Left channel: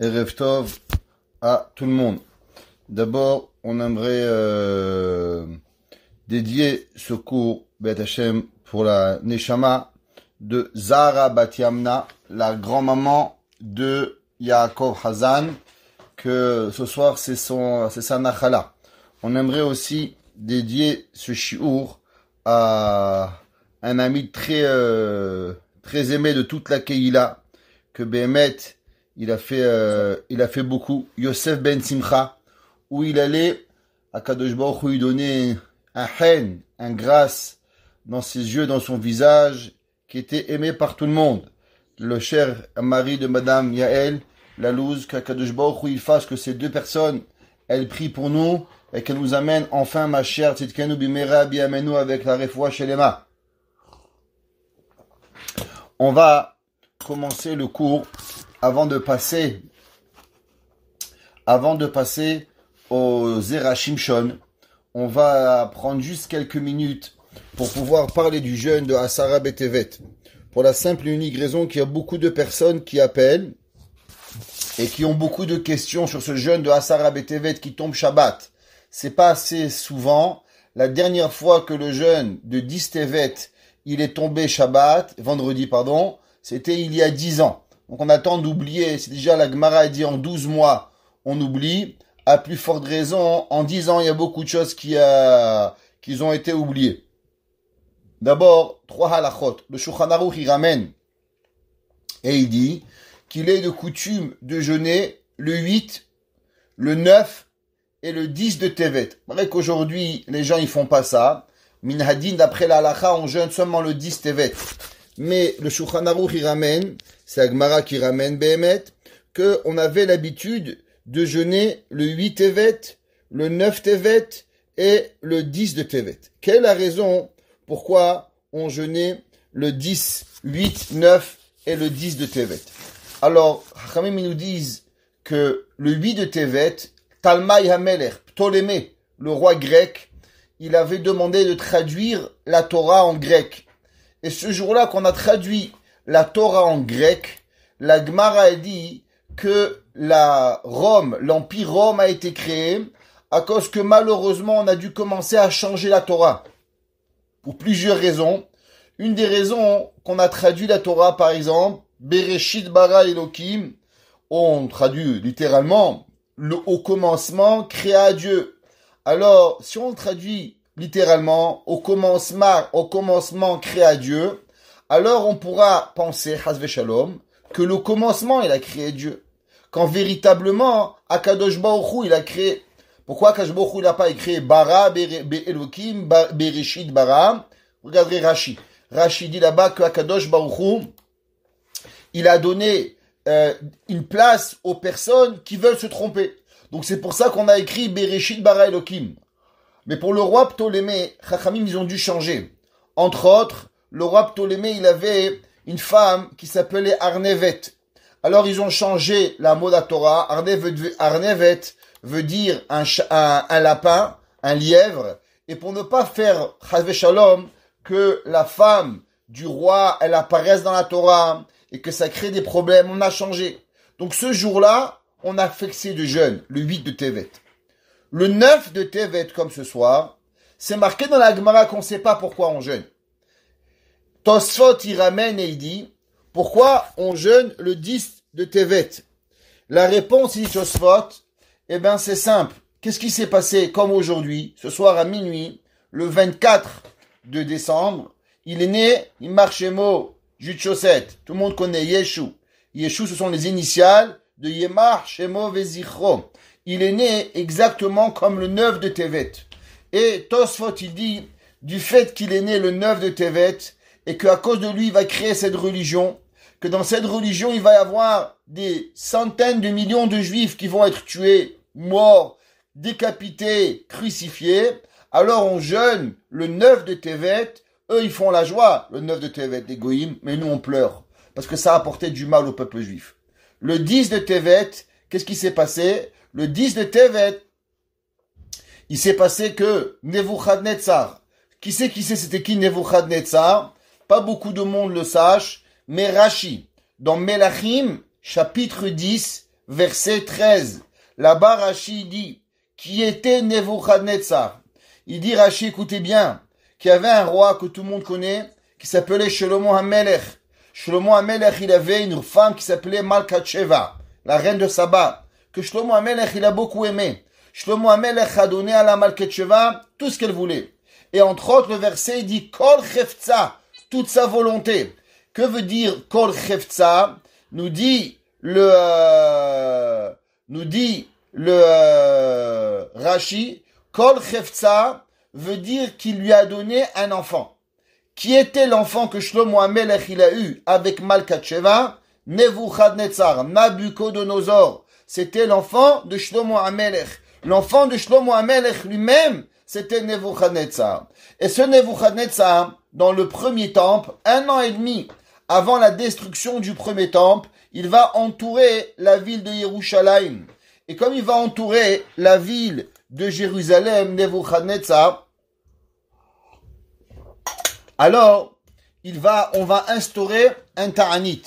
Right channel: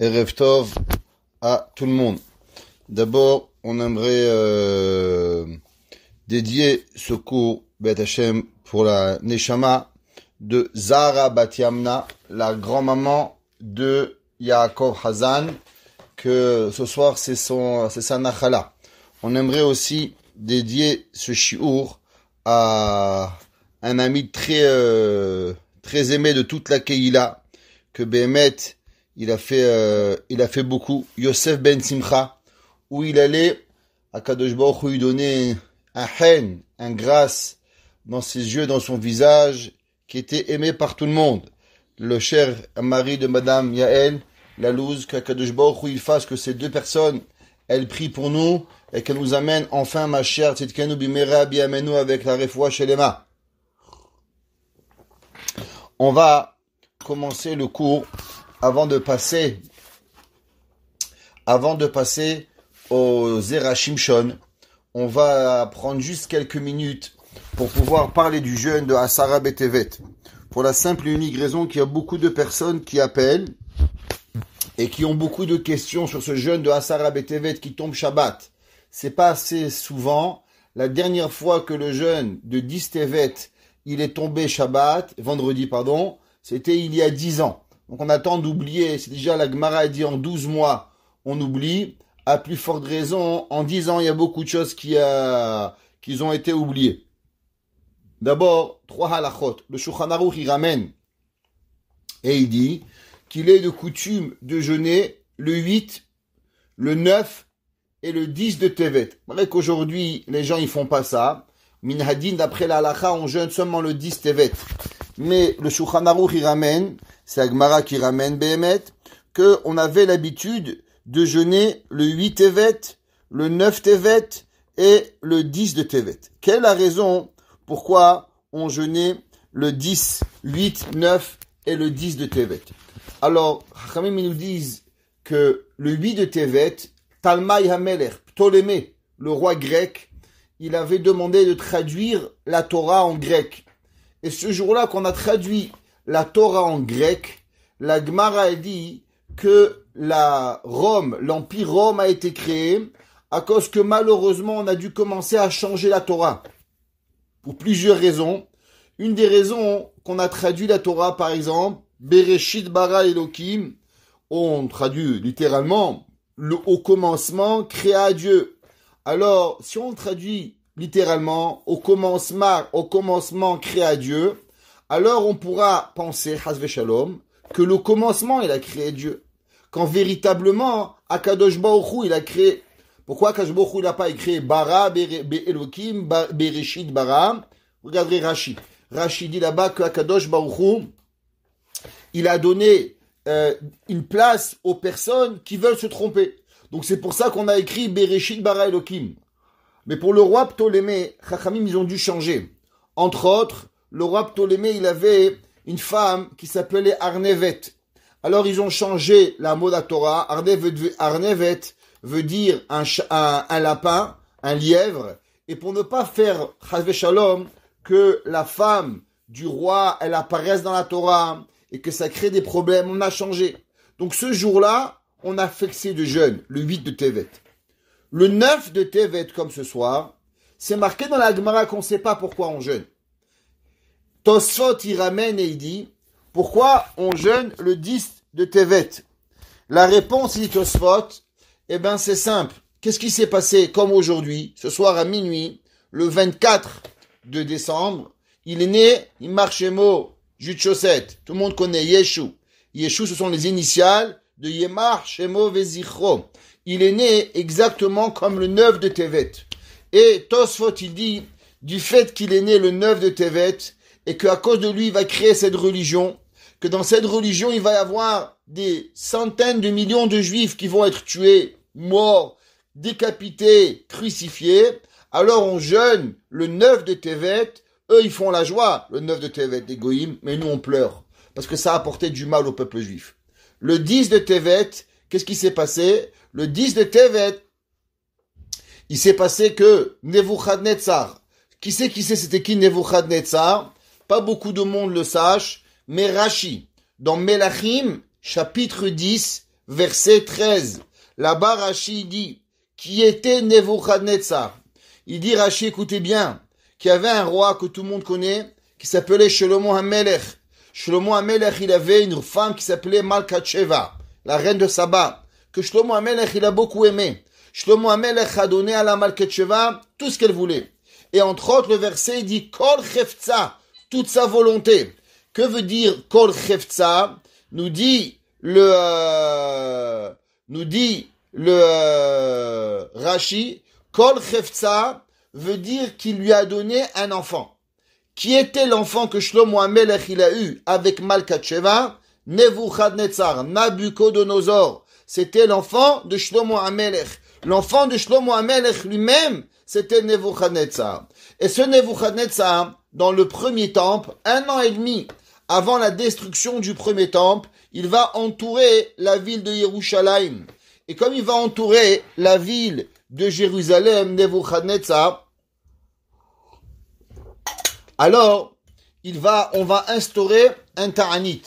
Erev Tov à tout le monde. D'abord, on aimerait dédier ce cours Beit Hashem pour la Neshama de Zahara Bat Yamna, la grand-maman de Yaakov Hazan, que ce soir c'est sa Nachala. On aimerait aussi dédier ce shiur à un ami très aimé de toute la Keïla, que Behemet il a fait beaucoup, Yosef Ben Simcha, où il allait à Kadosh Baruch Hu lui donner un haine, un grâce dans ses yeux, dans son visage, qui était aimé par tout le monde. Le cher mari de Madame Yael, la louse, qu'Akadosh Baruch Hu il fasse que ces deux personnes, elles prient pour nous et qu'elles nous amènent enfin, ma chère Tzidkenu Bimera Biamenu, avec la Refoua Shelema. On va commencer le cours avant de passer au Zera Shimshon. On va prendre juste quelques minutes pour pouvoir parler du jeûne de Asara Betevet. Pour la simple et unique raison qu'il y a beaucoup de personnes qui appellent et qui ont beaucoup de questions sur ce jeûne de Asara Betevet qui tombe Shabbat. C'est pas assez souvent. La dernière fois que le jeûne de 10 Tevet, il est tombé vendredi, c'était il y a 10 ans. Donc on attend d'oublier. C'est déjà la Gemara a dit en 12 mois, on oublie. À plus forte raison, en 10 ans, il y a beaucoup de choses qui ont été oubliées. D'abord, 3 halachot. Le Shulchan Aruch, il ramène et il dit qu'il est de coutume de jeûner le 8, le 9 et le 10 de Tevet. C'est vrai qu'aujourd'hui, les gens ils font pas ça. Minhadin, d'après la halacha, on jeûne seulement le 10 Tevet. Mais le Shulchan Aruch, il ramène, c'est la Gemara qui ramène Behemet, qu'on avait l'habitude de jeûner le 8 Tevet, le 9 Tevet et le 10 de Tevet. Quelle est la raison pourquoi on jeûnait le 10, 8, 9 et le 10 de Tevet? Alors, Chachamim nous disent que le 8 de Tevet, Talmai HaMelech, Ptolémée, le roi grec, il avait demandé de traduire la Torah en grec. Et ce jour-là qu'on a traduit la Torah en grec, la Gemara a dit que l'Empire Rome a été créé à cause que malheureusement on a dû commencer à changer la Torah. Pour plusieurs raisons. Une des raisons qu'on a traduit la Torah, par exemple, Bereshit bara Elokim, on traduit littéralement, au commencement créa Dieu. Alors, si on traduit littéralement, au commencement créa Dieu, alors on pourra penser, Hasve Shalom, que le commencement il a créé Dieu. Quand véritablement, Akadosh Baruch Hu, il a créé. Pourquoi Akadosh Baruch Hu, il n'a pas écrit Bara, Elohim, Bereshit, Bara? Regardez Rashi. Rashi dit là-bas que Akadosh Baruch Hu, il a donné une place aux personnes qui veulent se tromper. Donc c'est pour ça qu'on a écrit Bereshit, Bara, Elohim. Mais pour le roi Ptolémée, Chachamim, ils ont dû changer. Entre autres, le roi Ptolémée, il avait une femme qui s'appelait Arnevet. Alors ils ont changé la mot de la Torah. Arnevet veut dire un lapin, un lièvre. Et pour ne pas faire Chazve Shalom, que la femme du roi, elle apparaisse dans la Torah et que ça crée des problèmes, on a changé. Donc ce jour-là, on a fixé de jeûne, le 8 de Tevet. Le 9 de Tevet, comme ce soir, c'est marqué dans la Gemara qu'on ne sait pas pourquoi on jeûne. Tosfot, il ramène et il dit, pourquoi on jeûne le 10 de Tevet? La réponse, dit Tosfot, c'est simple. Qu'est-ce qui s'est passé comme aujourd'hui, ce soir à minuit, le 24 de décembre, il est né, il marche Shemo, Jude Chaussette. Tout le monde connaît Yeshu. Yeshu, ce sont les initiales de Yemar, Shemo, Vezichro. Il est né exactement comme le 9 de Tevet. Et Tosfot, il dit, du fait qu'il est né le 9 de Tevet, et qu'à cause de lui, il va créer cette religion, que dans cette religion, il va y avoir des centaines de millions de juifs qui vont être tués, morts, décapités, crucifiés. Alors on jeûne le 9 de Tevet. Eux, ils font la joie, le 9 de Tevet, les goïms, mais nous, on pleure, parce que ça a apporté du mal au peuple juif. Le 10 de Tevet, qu'est-ce qui s'est passé? Le 10 de Tevet, il s'est passé que Nebuchadnezzar, qui sait c'était qui Nebuchadnezzar? Pas beaucoup de monde le sache, mais Rashi, dans Melachim, chapitre 10, verset 13. Là-bas, Rashi dit, qui était Nebuchadnezzar. Il dit, Rashi, écoutez bien, qu'il y avait un roi que tout le monde connaît, qui s'appelait Shlomo HaMelech. Shlomo HaMelech, il avait une femme qui s'appelait Malkat Sheva, la reine de Saba, que Shlomo HaMelech, il a beaucoup aimé. Shlomo HaMelech a donné à la Malkat Sheva tout ce qu'elle voulait. Et entre autres, le verset, il dit, Kol Chefza, toute sa volonté. Que veut dire Kol Chefza? Nous dit le Rashi, Kol Chefza veut dire qu'il lui a donné un enfant. Qui était l'enfant que Shlomo HaMelech il a eu avec Malkat Sheva? Nebuchadnezzar, Nabucodonosor. C'était l'enfant de Shlomo HaMelech. L'enfant de Shlomo HaMelech lui-même, c'était Nebuchadnezzar. Et ce Nebuchadnezzar, dans le premier temple, 1 an et demi avant la destruction du premier temple, il va entourer la ville de Yerushalayim. Et comme il va entourer la ville de Jérusalem, Nebuchadnezzar, alors, on va instaurer un ta'anit.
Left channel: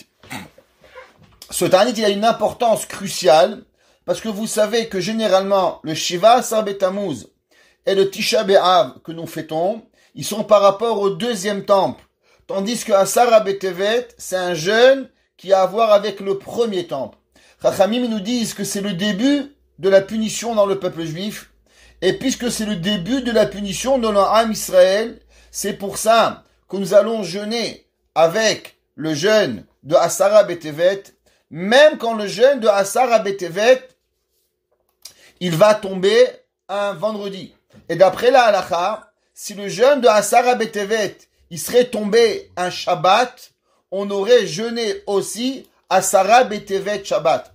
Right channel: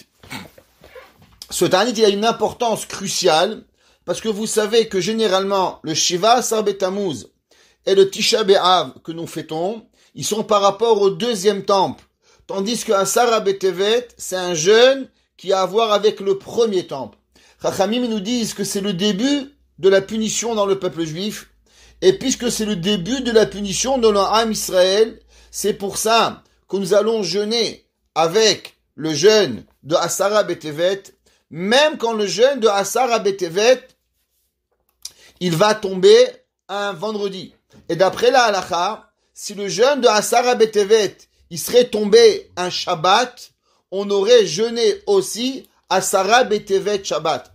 Ce ta'anit, il a une importance cruciale, parce que vous savez que généralement, le Shiva Asar B'Tammuz et le Tisha B'Av que nous fêtons, ils sont par rapport au deuxième temple. Tandis que Asar B'Tevet, c'est un jeûne qui a à voir avec le premier temple. Chachamim nous disent que c'est le début de la punition dans le peuple juif, et puisque c'est le début de la punition dans l'Am Israël, c'est pour ça que nous allons jeûner avec le jeûne de Asara B'Tevet, même quand le jeûne de Asara B'Tevet, il va tomber un vendredi. Et d'après la halakha, si le jeûne de Asara B'Tevet, il serait tombé un Shabbat, on aurait jeûné aussi Asara B'Tevet Shabbat.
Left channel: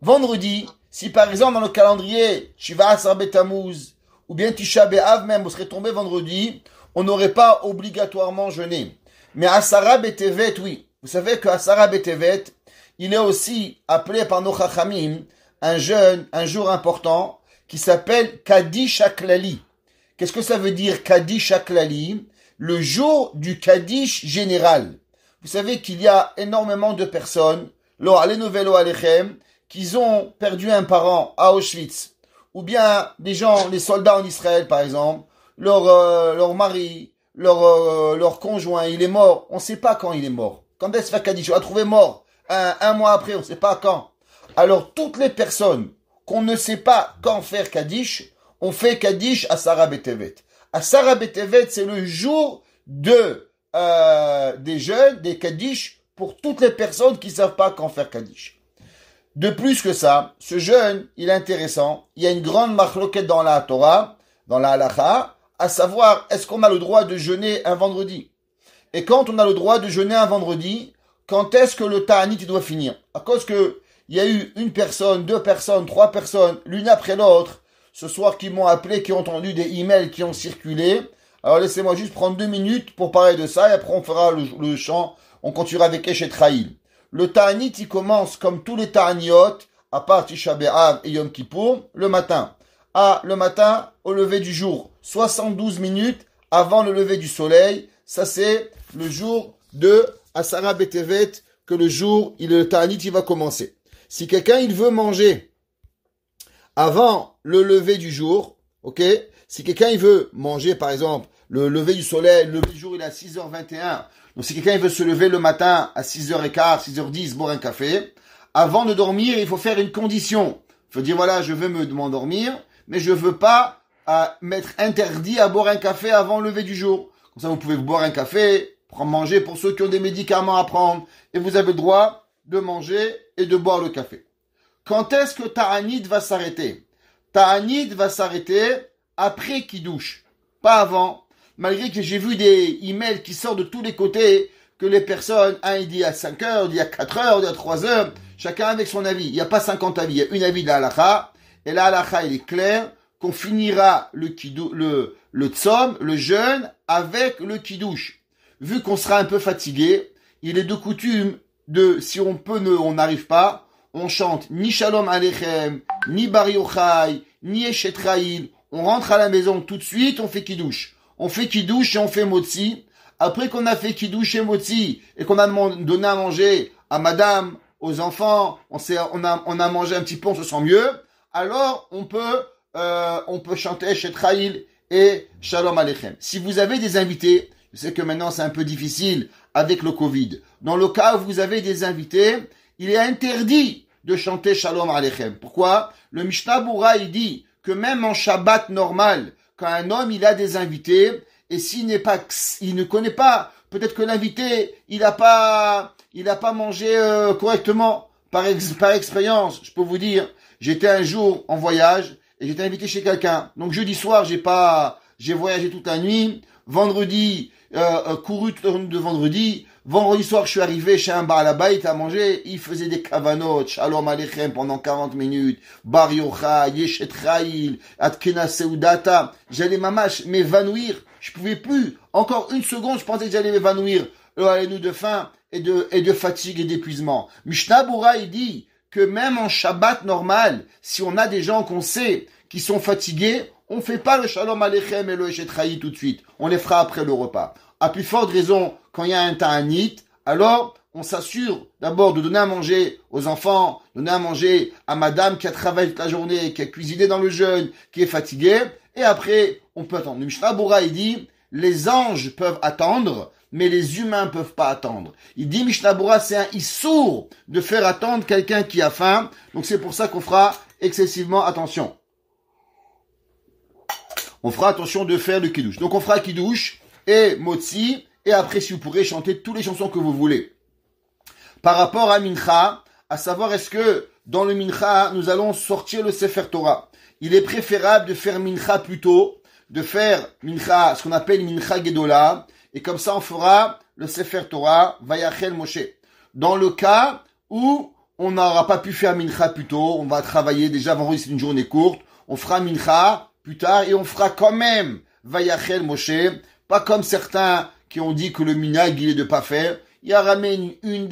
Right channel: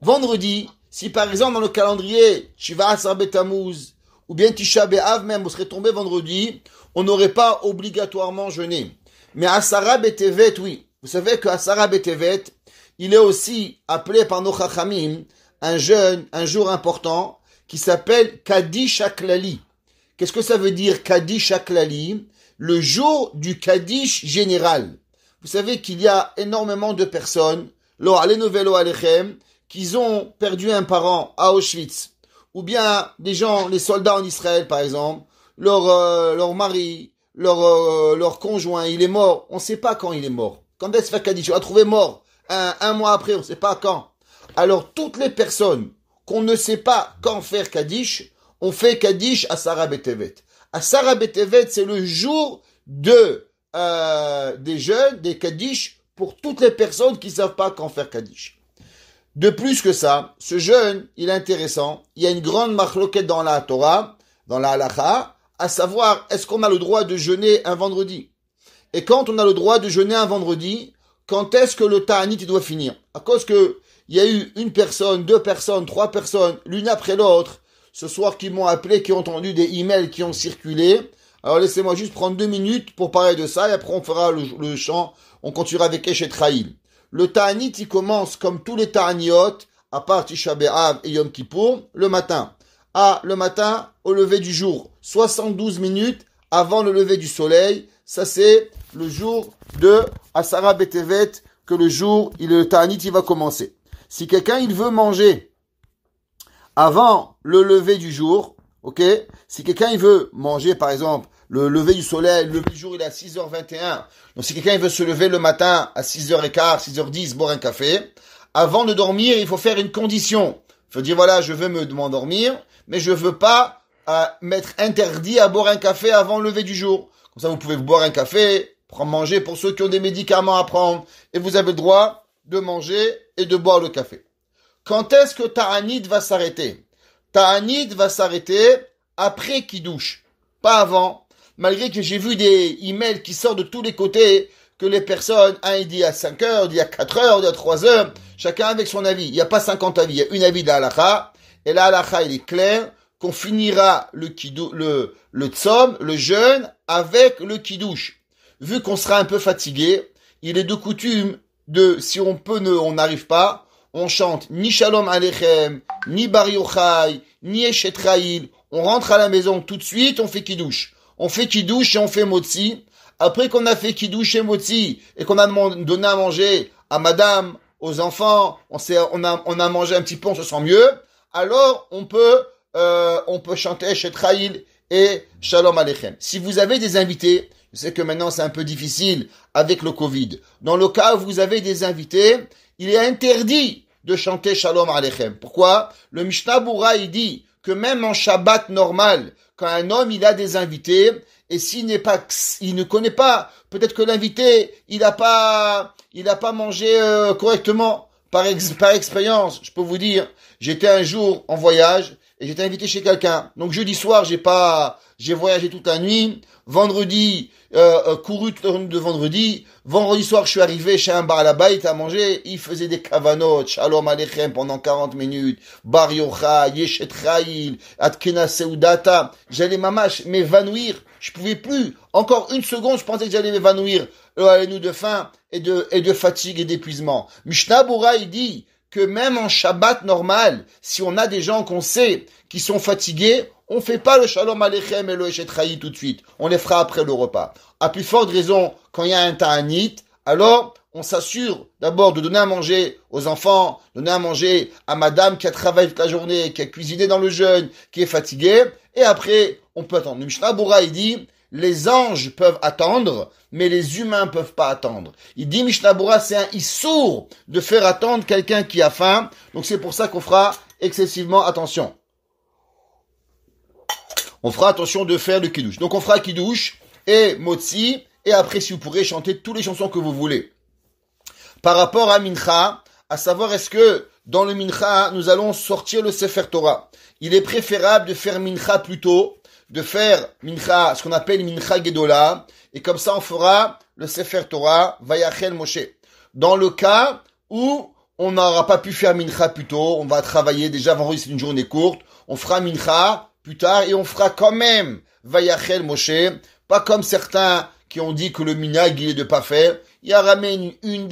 Vendredi, si par exemple dans le calendrier Shiva Asar B'Tammuz ou bien Tisha B'Av même, on serait tombé vendredi, on n'aurait pas obligatoirement jeûné. Mais Asara B'Tevet, oui. Vous savez que Asara B'Tevet, il est aussi appelé par nos Chachamim un jour important qui s'appelle Kaddish HaKlali. Qu'est-ce que ça veut dire Kaddish HaKlali? Le jour du Kaddish général. Vous savez qu'il y a énormément de personnes, qui ont perdu un parent à Auschwitz, ou bien des gens, les soldats en Israël par exemple, leur mari, leur conjoint, il est mort, on ne sait pas quand il est mort. Quand est-ce que Kaddish? On l'a trouvé mort un mois après, on ne sait pas quand. Alors toutes les personnes qu'on ne sait pas quand faire Kaddish, on fait Kaddish à Asara B'Tevet. Asara B'Tevet, c'est le jour des jeûnes, des Kaddish, pour toutes les personnes qui ne savent pas quand faire Kaddish. De plus que ça, ce jeûne, il est intéressant. Il y a une grande machloket dans la Torah, dans la halakha, à savoir, est-ce qu'on a le droit de jeûner un vendredi? Et quand on a le droit de jeûner un vendredi, quand est-ce que le ta'anit doit finir? À cause que il y a eu une personne, 2 personnes, 3 personnes, l'une après l'autre, ce soir qui m'ont appelé, qui ont entendu des emails qui ont circulé. Alors laissez-moi juste prendre 2 minutes pour parler de ça, et après on fera le chant, on continuera avec Eshet Raïl. Le ta'anit, il commence comme tous les ta'aniot, à part Tisha B'Av et Yom Kippour, le matin. Le matin, au lever du jour. 72 minutes avant le lever du soleil. Ça, c'est le jour de Asara B'Tevet, que le ta'anit, il va commencer. Si quelqu'un, il veut manger avant le lever du jour, ok? Si quelqu'un, il veut manger, par exemple, le lever du soleil, le lever du jour, il est à 6h21. Donc, si quelqu'un, il veut se lever le matin à 6h15, 6h10, boire un café, avant de dormir, il faut faire une condition. Il faut dire, voilà, je veux m'endormir, mais je veux pas m'être interdit à boire un café avant le lever du jour. Comme ça, vous pouvez boire un café, manger pour ceux qui ont des médicaments à prendre, et vous avez le droit de manger et de boire le café. Quand est-ce que Ta'anit va s'arrêter? Ta'anit va s'arrêter après Kiddush, pas avant. Malgré que j'ai vu des emails qui sortent de tous les côtés, que les personnes, il dit à 5 heures, il dit à 4 heures, il dit à 3 heures, chacun avec son avis. Il n'y a pas 50 avis, il y a une avis de la halakha, et la halakha, il est clair qu'on finira le tzom, le jeûne, avec le kiddush. Vu qu'on sera un peu fatigué, il est de coutume si on peut, on n'arrive pas, on chante ni Shalom Aleichem, ni Bar Yochai, ni Eshet Raïl. On rentre à la maison tout de suite, on fait kiddush. On fait kiddush et on fait motzi. Après qu'on a fait kiddush et motzi et qu'on a donné à manger à madame, aux enfants, on a mangé un petit peu, on se sent mieux, alors on peut chanter Shetraïl et Shalom Aleichem. Si vous avez des invités, je sais que maintenant c'est un peu difficile avec le Covid. Dans le cas où vous avez des invités, il est interdit de chanter Shalom Aleichem. Pourquoi? Le Mishnah Bura, il dit que même en Shabbat normal, quand un homme il a des invités, et il ne connaît pas, peut-être que l'invité il a pas mangé correctement. Par expérience, je peux vous dire, j'étais un jour en voyage et j'étais invité chez quelqu'un. Donc jeudi soir, j'ai voyagé toute la nuit. Vendredi, couru toute la nuit de vendredi. Vendredi soir, je suis arrivé chez un bar là-bas, il a mangé, il faisait des kavanot, shalom aleichem pendant 40 minutes, bar yocha, yeshet chayil, atkena seudata. J'allais m'évanouir. Je pouvais plus. Encore une seconde, je pensais que j'allais m'évanouir. Allez-nous de faim et de fatigue et d'épuisement. Mishnah Bura, il dit que même en Shabbat normal, si on a des gens qu'on sait qui sont fatigués, on fait pas le Shalom Aleichem et le Eshet Chayil tout de suite. On les fera après le repas. À plus forte raison, quand il y a un ta'anit, alors on s'assure d'abord de donner à manger aux enfants, donner à manger à madame qui a travaillé toute la journée, qui a cuisiné dans le jeûne, qui est fatiguée, et après, on peut attendre. Le Mishnah Bura, il dit, les anges peuvent attendre, mais les humains peuvent pas attendre. Il dit, Mishnah Bura, c'est un issour de faire attendre quelqu'un qui a faim. Donc c'est pour ça qu'on fera excessivement attention. On fera attention de faire le kiddush. Donc on fera kiddush et motzi, et après si vous pourrez chanter toutes les chansons que vous voulez. Par rapport à Mincha, à savoir est-ce que dans le Mincha, nous allons sortir le Sefer Torah. Il est préférable de faire Mincha plus tôt, de faire Mincha, ce qu'on appelle Mincha Gedola, et comme ça on fera le Sefer Torah, Vayachel Moshe. Dans le cas où on n'aura pas pu faire Mincha plus tôt, on va travailler déjà, vendredi c'est une journée courte, on fera Mincha plus tard et on fera quand même Vayachel Moshe, pas comme certains qui ont dit que le minhag il est de pas faire. Il y a ramène une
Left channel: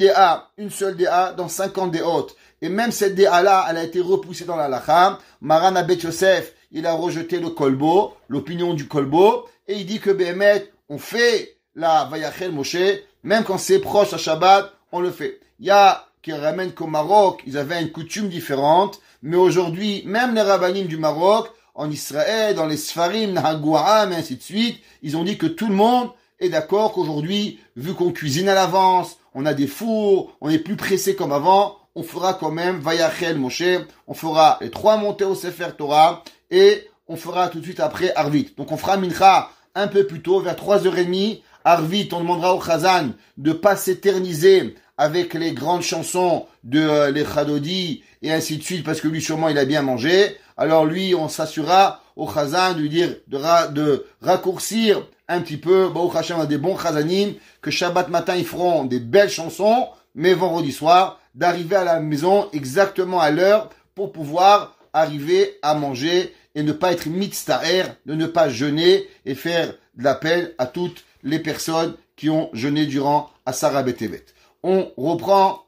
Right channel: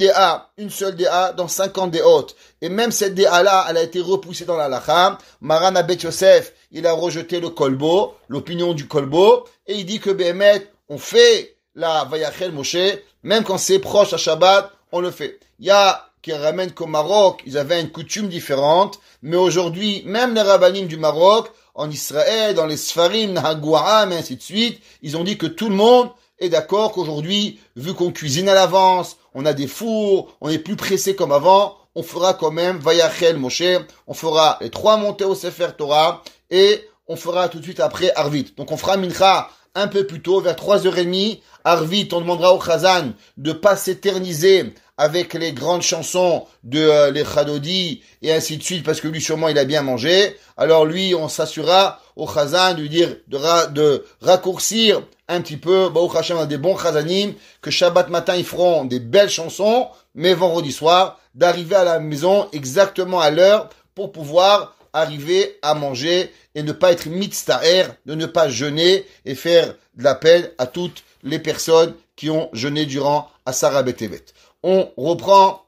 seule DA dans 50 déot. Et même cette DA-là, elle a été repoussée dans la halakha. Maran Abed Yosef, il a rejeté le kolbo, l'opinion du kolbo, et il dit que Béhémet, on fait la Vayachel Moshe, même quand c'est proche à Shabbat, on le fait. Il y a qui ramènent qu'au Maroc, ils avaient une coutume différente, mais aujourd'hui, même les rabbinim du Maroc, en Israël, dans les Sfarim, Nahagouam, et ainsi de suite, ils ont dit que tout le monde est d'accord qu'aujourd'hui, vu qu'on cuisine à l'avance, on a des fours, on est plus pressé comme avant, on fera quand même Vayachel Moshe, on fera les 3 montées au Sefer Torah, et on fera tout de suite après Arvit. Donc on fera Mincha un peu plus tôt, vers 3h30, Arvit, on demandera au Chazan de pas s'éterniser avec les grandes chansons de les Chadodi et ainsi de suite, parce que lui sûrement il a bien mangé. Alors lui, on s'assurera au Chazan de lui dire de raccourcir un petit peu, au Hashem, on a des bons Chazanim, que Shabbat matin ils feront des belles chansons, mais vendredi soir, d'arriver à la maison exactement à l'heure pour pouvoir arriver à manger et ne pas être mitztaher, de ne pas jeûner et faire de la peine à toutes les personnes qui ont jeûné durant Asara Betevet. On reprend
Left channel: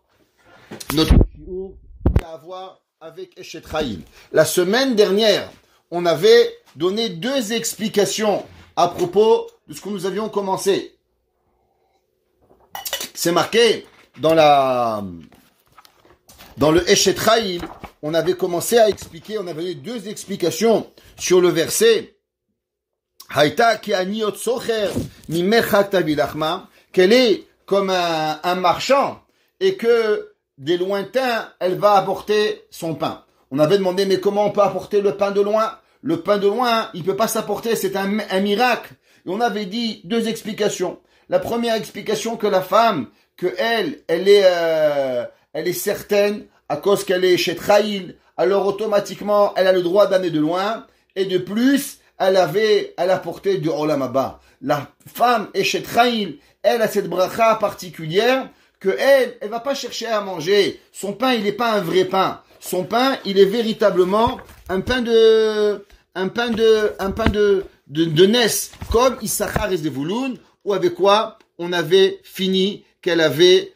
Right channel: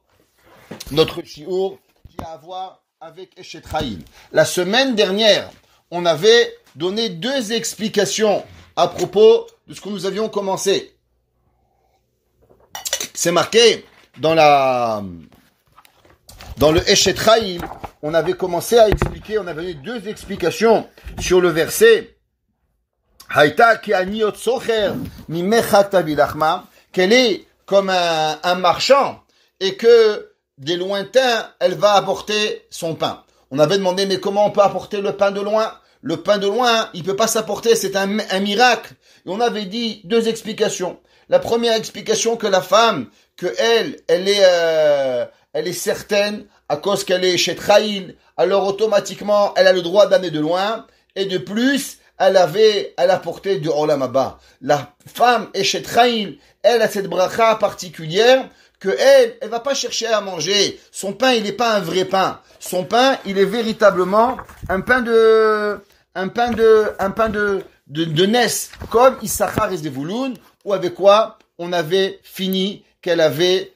notre shiur qui a à voir avec Eshet Chayil. La semaine dernière, on avait donné 2 explications à propos de ce que nous avions commencé. C'est marqué dans le Eshet Chayil, on avait commencé à expliquer, on avait donné 2 explications sur le verset Haïta ki aniot socher mimechak tavilachma, qu'elle est comme un marchand et que des lointains, elle va apporter son pain. On avait demandé, mais comment on peut apporter le pain de loin? Le pain de loin, il peut pas s'apporter, c'est un miracle. Et on avait dit 2 explications. La première explication, que la femme, que elle est certaine, à cause qu'elle est chez Chayil, alors automatiquement, elle a le droit d'amener de loin, et de plus, elle apporté de Olam Haba. La femme est chez Chayil, elle a cette bracha particulière, que elle va pas chercher à manger. Son pain, il n'est pas un vrai pain. Son pain, il est véritablement un pain de Nes, comme Issachar et Zevulun, ou avec quoi on avait fini qu'elle avait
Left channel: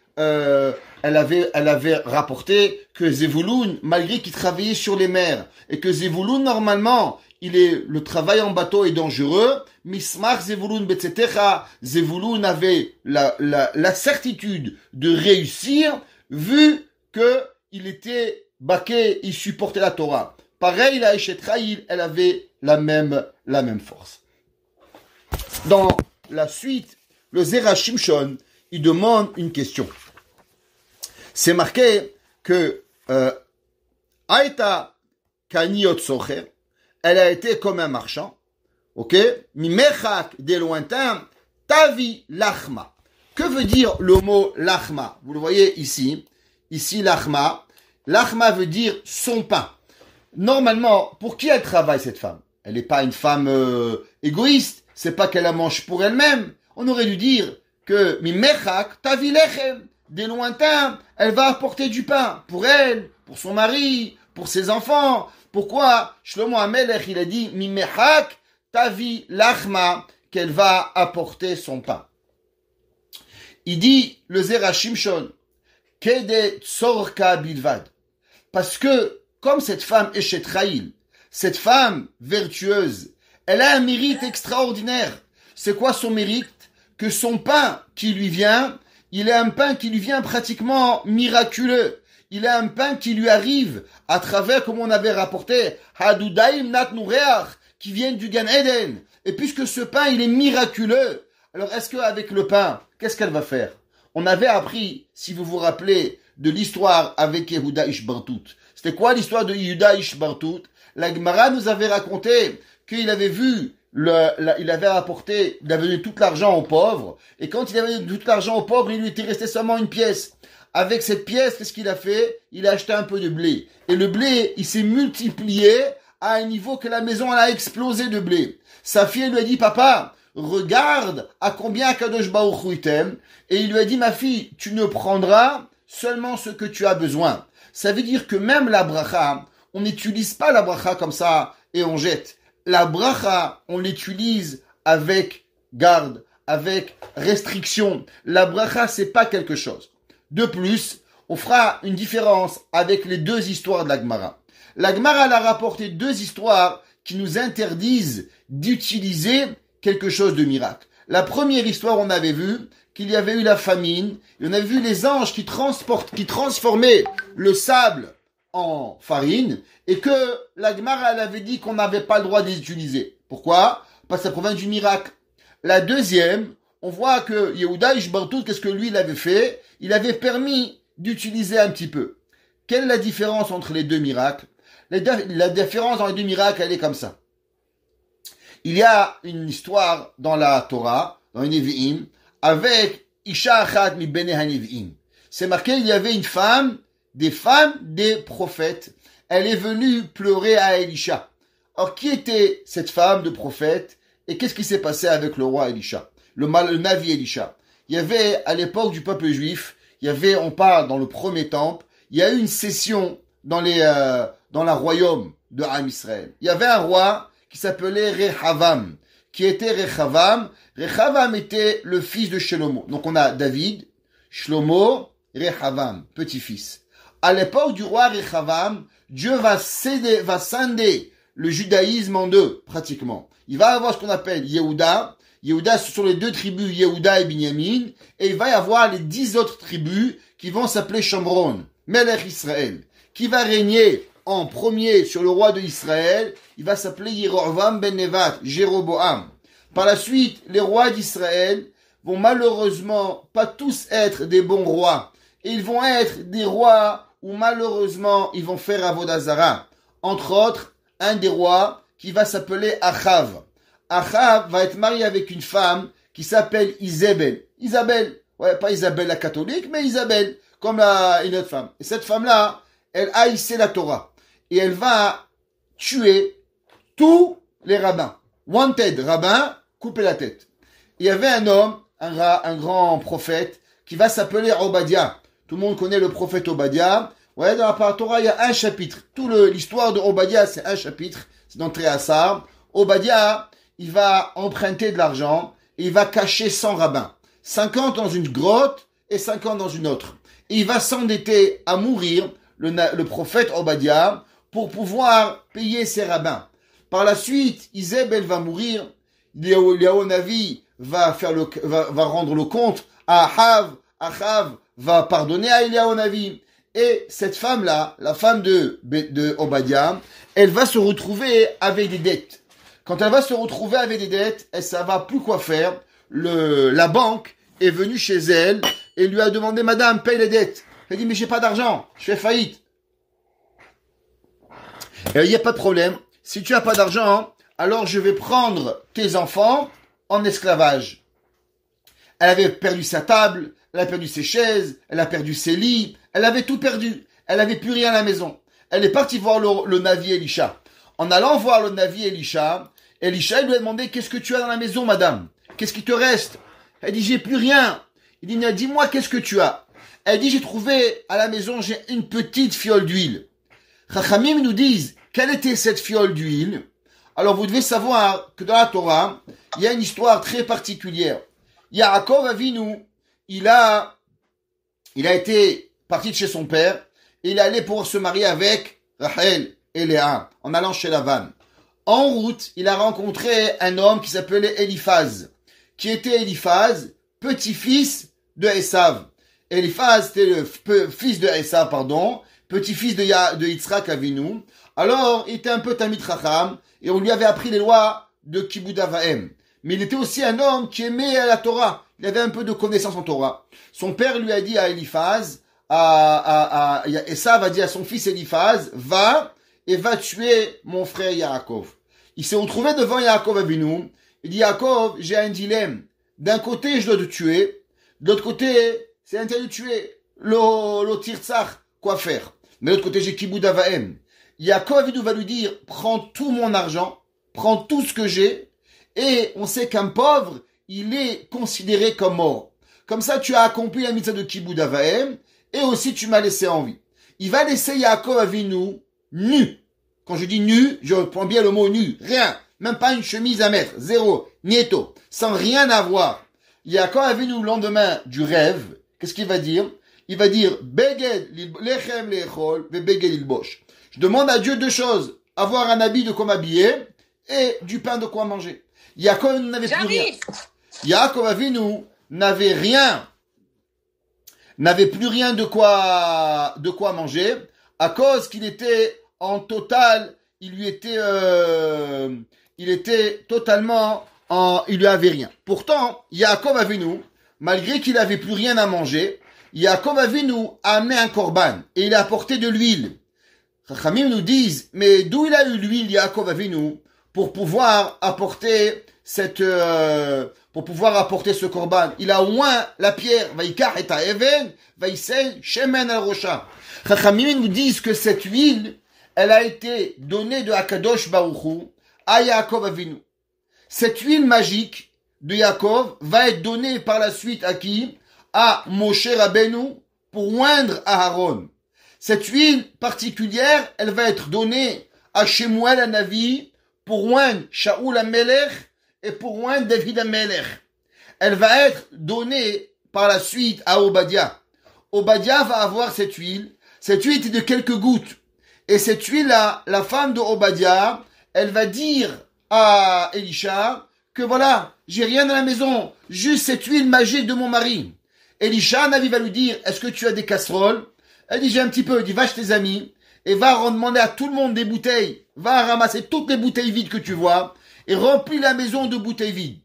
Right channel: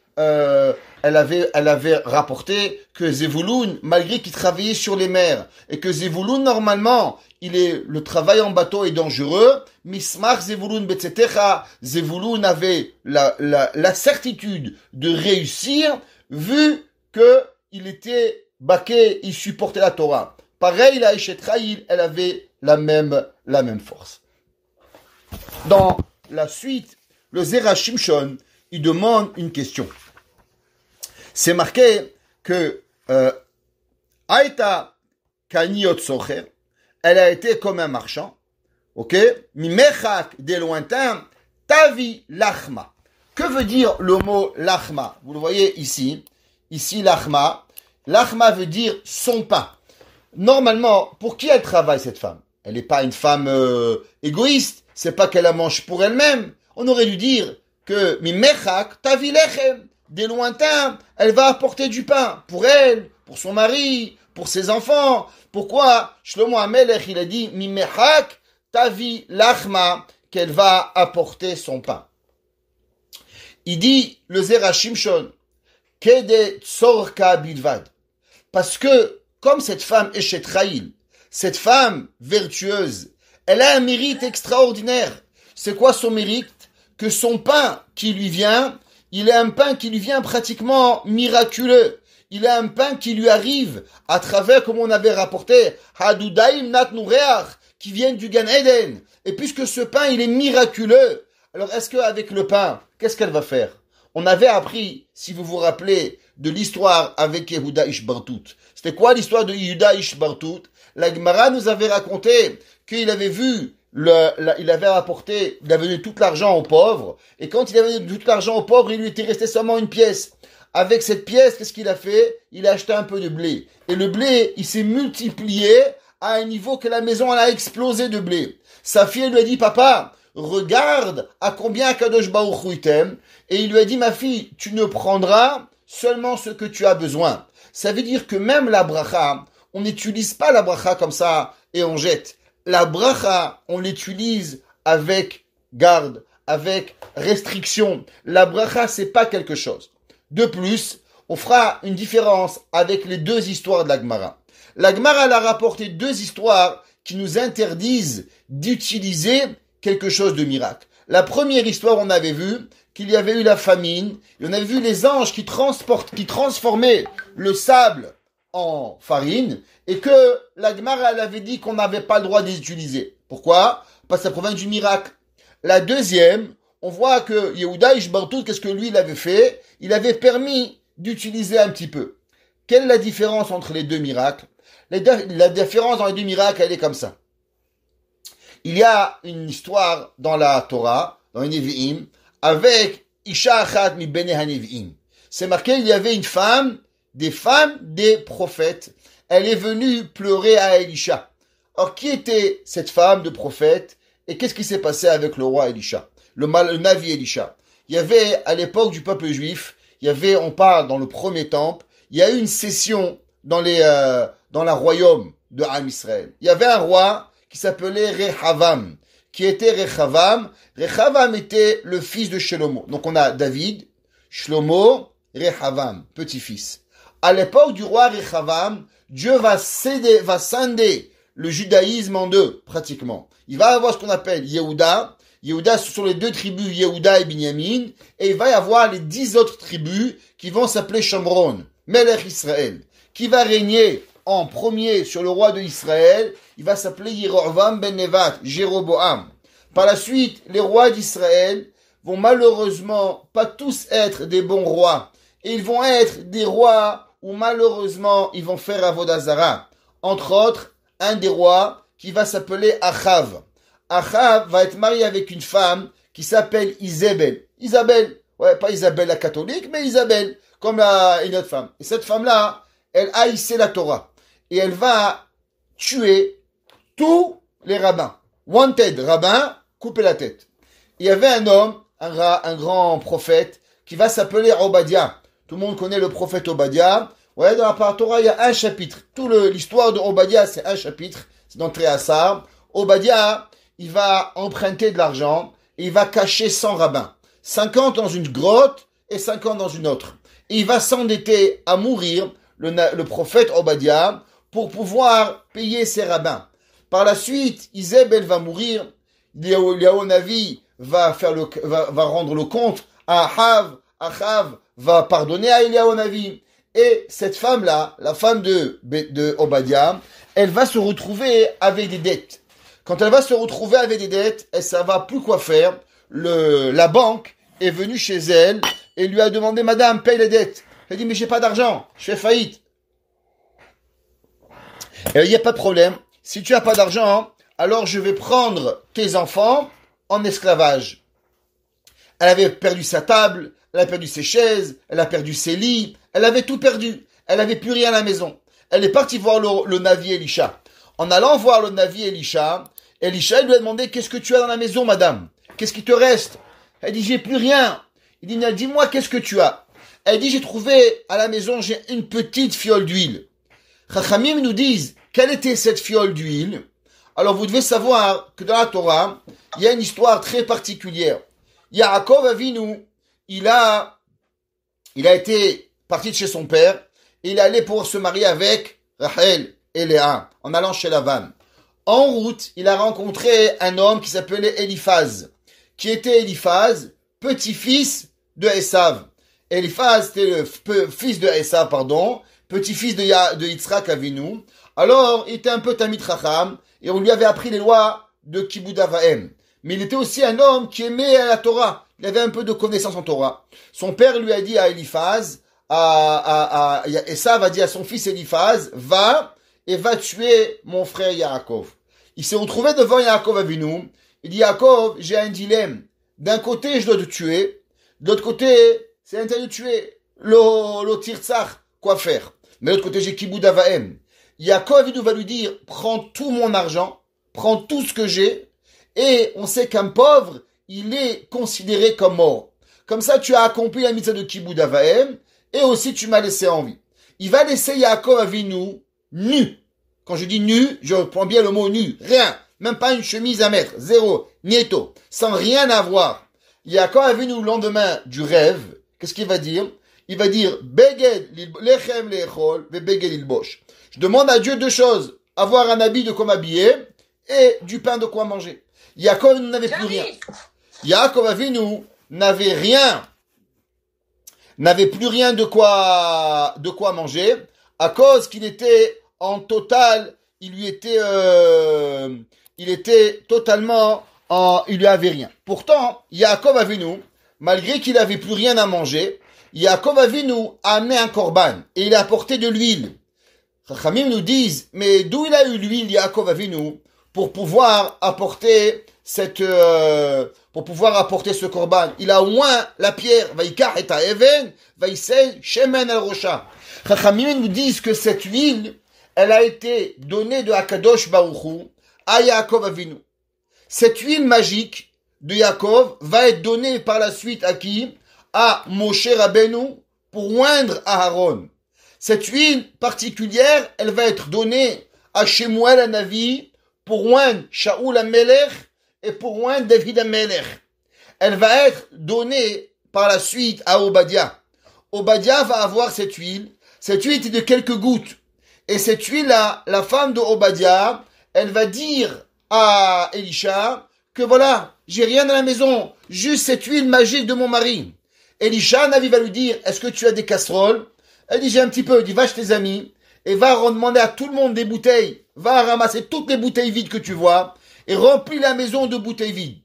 rapporté que Zevulun, malgré qu'il travaillait sur les mers, et que Zevulun, normalement, le travail en bateau est dangereux, Mismach Zevulun Betzetecha, Zevulun avait la certitude de réussir, vu qu'il était baqué, il supportait la Torah. Pareil, la Eshet Chayil, elle avait la même force. Dans la suite, le Zera Shimshon, il demande une question. C'est marqué que Aïta Kaniot Socher, elle a été comme un marchand, ok? Mimechak, des lointains, Tavi Lachma. Que veut dire le mot Lachma? Vous le voyez ici. Ici, Lachma. Lachma veut dire son pain. Normalement, pour qui elle travaille, cette femme? Elle n'est pas une femme égoïste. C'est pas qu'elle la mange pour elle-même. On aurait dû dire que Mimechak, Tavi Lechem, des lointains, elle va apporter du pain pour elle, pour son mari, pour ses enfants. Pourquoi Shlomo HaMelech, il a dit Mimechak, Tavi Lachma, qu'elle va apporter son pain. Il dit le Zera Shimshon, Kede Tzorka Bilvad. Parce que, comme cette femme Eshet Chayil, cette femme vertueuse, elle a un mérite extraordinaire. C'est quoi son mérite? Que son pain qui lui vient, il a un pain qui lui vient pratiquement miraculeux. Il a un pain qui lui arrive à travers, comme on avait rapporté, Hadudaim Nat Nureach, qui vient du Gan Eden. Et puisque ce pain, il est miraculeux, alors est-ce qu'avec le pain, qu'est-ce qu'elle va faire? On avait appris, si vous vous rappelez, de l'histoire avec Yehuda Ishbartout. C'était quoi l'histoire de Yehuda Ishbartout? La Gemara nous avait raconté qu'il avait vu, il avait apporté, il avait donné tout l'argent aux pauvres, et quand il avait donné tout l'argent aux pauvres, il lui était resté seulement une pièce. Avec cette pièce, qu'est-ce qu'il a fait? Il a acheté un peu de blé. Et le blé, il s'est multiplié à un niveau que la maison, elle a explosé de blé. Sa fille lui a dit, papa, regarde à combien Kadosh Baruch Hu t'aime. Et il lui a dit, ma fille, tu ne prendras seulement ce que tu as besoin. Ça veut dire que même la bracha, on n'utilise pas la bracha comme ça et on jette. La bracha, on l'utilise avec garde, avec restriction. La bracha, c'est pas quelque chose. De plus, on fera une différence avec les deux histoires de la Gemara. La Gemara, elle a rapporté deux histoires qui nous interdisent d'utiliser quelque chose de miracle. La première histoire, on avait vu qu'il y avait eu la famine, et on avait vu les anges qui transformaient le sable en farine, et que la Gemara, elle avait dit qu'on n'avait pas le droit de les utiliser. Pourquoi? Parce que ça provient du miracle. La deuxième, on voit que Yehuda Ishbartout, qu'est-ce que lui, il avait fait? Il avait permis d'utiliser un petit peu. Quelle est la différence entre les deux miracles? La différence dans les deux miracles, elle est comme ça. Il y a une histoire dans la Torah, dans les Nevi'im, avec Isha Achat mi Bene HaNevi'im. C'est marqué, il y avait une femme, des femmes des prophètes. Elle est venue pleurer à Elisha. Or, qui était cette femme de prophète? Et qu'est-ce qui s'est passé avec le roi Elisha? Le Navi Elisha. Il y avait, à l'époque du peuple juif, on parle dans le premier temple, il y a eu une session dans la royaume de Am Israël. Il y avait un roi qui s'appelait Rehavam. Qui était Rehavam? Rehavam était le fils de Shlomo. Donc on a David, Shlomo, Rehavam, petit-fils. À l'époque du roi Rehavam, Dieu va scinder le judaïsme en deux, pratiquement. Il va avoir ce qu'on appelle Yehuda. Yehuda, ce sont les deux tribus, Yehuda et Binyamin. Et il va y avoir les 10 autres tribus qui vont s'appeler Shomron, Melech Israël. Qui va régner en premier sur le roi de Israël? Il va s'appeler Yerovam ben Nevat, Jéroboam. Par la suite, les rois d'Israël vont malheureusement pas tous être des bons rois. Et ils vont être des rois où malheureusement ils vont faire Avodah Zara. Entre autres, un des rois qui va s'appeler Achav. Achav va être marié avec une femme qui s'appelle Isabelle. Isabelle, ouais, pas Isabelle la catholique, mais Isabelle, comme une autre femme. Et cette femme-là, elle haïssait la Torah. Et elle va tuer tous les rabbins. Wanted, rabbin, couper la tête. Il y avait un homme, un grand prophète, qui va s'appeler Obadiah. Tout le monde connaît le prophète Obadiah. Ouais, dans la Torah, il y a un chapitre. L'histoire de Obadiah, c'est un chapitre. C'est dans Tréassar. Obadiah, il va emprunter de l'argent et il va cacher 100 rabbins. 50 dans une grotte et 50 dans une autre. Et il va s'endetter à mourir, le prophète Obadiah, pour pouvoir payer ses rabbins. Par la suite, Isabelle va mourir. Eliyahu Navi va rendre le compte à Achav. Achav va pardonner à Eliyahu Navi. Et cette femme-là, la femme de Obadiah, elle va se retrouver avec des dettes. Quand elle va se retrouver avec des dettes, elle ne savait plus quoi faire. La banque est venue chez elle et lui a demandé, Madame, paye les dettes. Elle dit, mais j'ai pas d'argent, je fais faillite. Il n'y a pas de problème. Si tu n'as pas d'argent, alors je vais prendre tes enfants en esclavage. Elle avait perdu sa table, elle a perdu ses chaises, elle a perdu ses lits, elle avait tout perdu. Elle n'avait plus rien à la maison. Elle est partie voir le Navi Elisha. En allant voir le Navi Elisha, Elisha lui a demandé, qu'est-ce que tu as dans la maison, madame? Qu'est-ce qui te reste? Elle dit, j'ai plus rien. Il dit, dis-moi, qu'est-ce que tu as? Elle dit, j'ai trouvé à la maison, j'ai une petite fiole d'huile. Chachamim nous disent, quelle était cette fiole d'huile? Alors vous devez savoir que dans la Torah, il y a une histoire très particulière. Yaakov Avinu, il a été parti de chez son père, et il est allé pour se marier avec Rachel et Léa, en allant chez Lavan. En route, il a rencontré un homme qui s'appelait Eliphaz, qui était Eliphaz, petit-fils de Esav. Eliphaz, c'était le fils de Esav, petit-fils de Yitzhak Avinu. Alors, il était un peu Tamid Chacham, et on lui avait appris les lois de Kibud Avaim. Mais il était aussi un homme qui aimait la Torah. Il avait un peu de connaissance en Torah. Son père lui a dit à Eliphaz, Esav a dit à son fils Eliphaz, va tuer mon frère Yaakov. Il s'est retrouvé devant Yaakov Avinu. Il dit, Yaakov, j'ai un dilemme. D'un côté, je dois te tuer. De l'autre côté, c'est interdit de tuer. Le tirtzach, quoi faire? Mais de l'autre côté, j'ai Kibud Avaim. Yaakov Avinu va lui dire, prends tout mon argent, prends tout ce que j'ai, et on sait qu'un pauvre, il est considéré comme mort. Comme ça, tu as accompli la mitzvah de Kibud Avaim, et aussi tu m'as laissé en vie. Il va laisser Yaakov Avinu nu. Quand je dis nu, je prends bien le mot nu. Rien. Même pas une chemise à mettre. Zéro. Nieto. Sans rien avoir. Yaakov Avinu, le lendemain du rêve, qu'est-ce qu'il va dire? Il va dire, Beged lechem lechol, ve beged ilbosh. Je demande à Dieu deux choses. Avoir un habit de quoi m'habiller et du pain de quoi manger. Yaakov Avinu n'avait plus rien. Yaakov Avinu n'avait rien. N'avait plus rien de quoi manger à cause qu'il était en total, il lui était totalement il lui avait rien. Pourtant, Yaakov Avinu, malgré qu'il avait plus rien à manger, Yaakov Avinu a amené un korban et il a apporté de l'huile. Chachamim nous disent, mais d'où il a eu l'huile, Yaakov Avinu, pour pouvoir apporter ce korban? Il a au moins la pierre, Vaikar et Even, Vaisei, Shemen al Rocha. Chachamim nous disent que cette huile, elle a été donnée de Akadosh Baruch Hu à Yaakov Avinu. Cette huile magique de Yaakov va être donnée par la suite à qui? À Moshe Rabbeinu pour oindre Aaron. Cette huile particulière, elle va être donnée à Shemuel Hanavi pour oindre Shaoul HaMelech et pour oindre David HaMelech. Elle va être donnée par la suite à Obadiah. Obadiah va avoir cette huile. Cette huile est de quelques gouttes. Et cette huile-là, la femme de Obadiah, elle va dire à Elisha que voilà, j'ai rien dans la maison, juste cette huile magique de mon mari. Elisha, Navi va lui dire, est-ce que tu as des casseroles? Elle dit, j'ai un petit peu. Elle dit, va chez tes amis et va demander à tout le monde des bouteilles. Va ramasser toutes les bouteilles vides que tu vois et remplis la maison de bouteilles vides.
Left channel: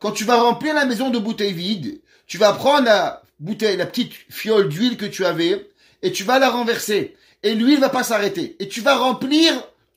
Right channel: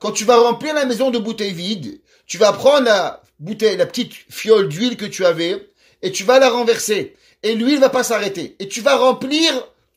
Quand tu vas remplir la maison de bouteilles vides, tu vas prendre la petite fiole d'huile que tu avais et tu vas la renverser. Et l'huile va pas s'arrêter. Et tu vas remplir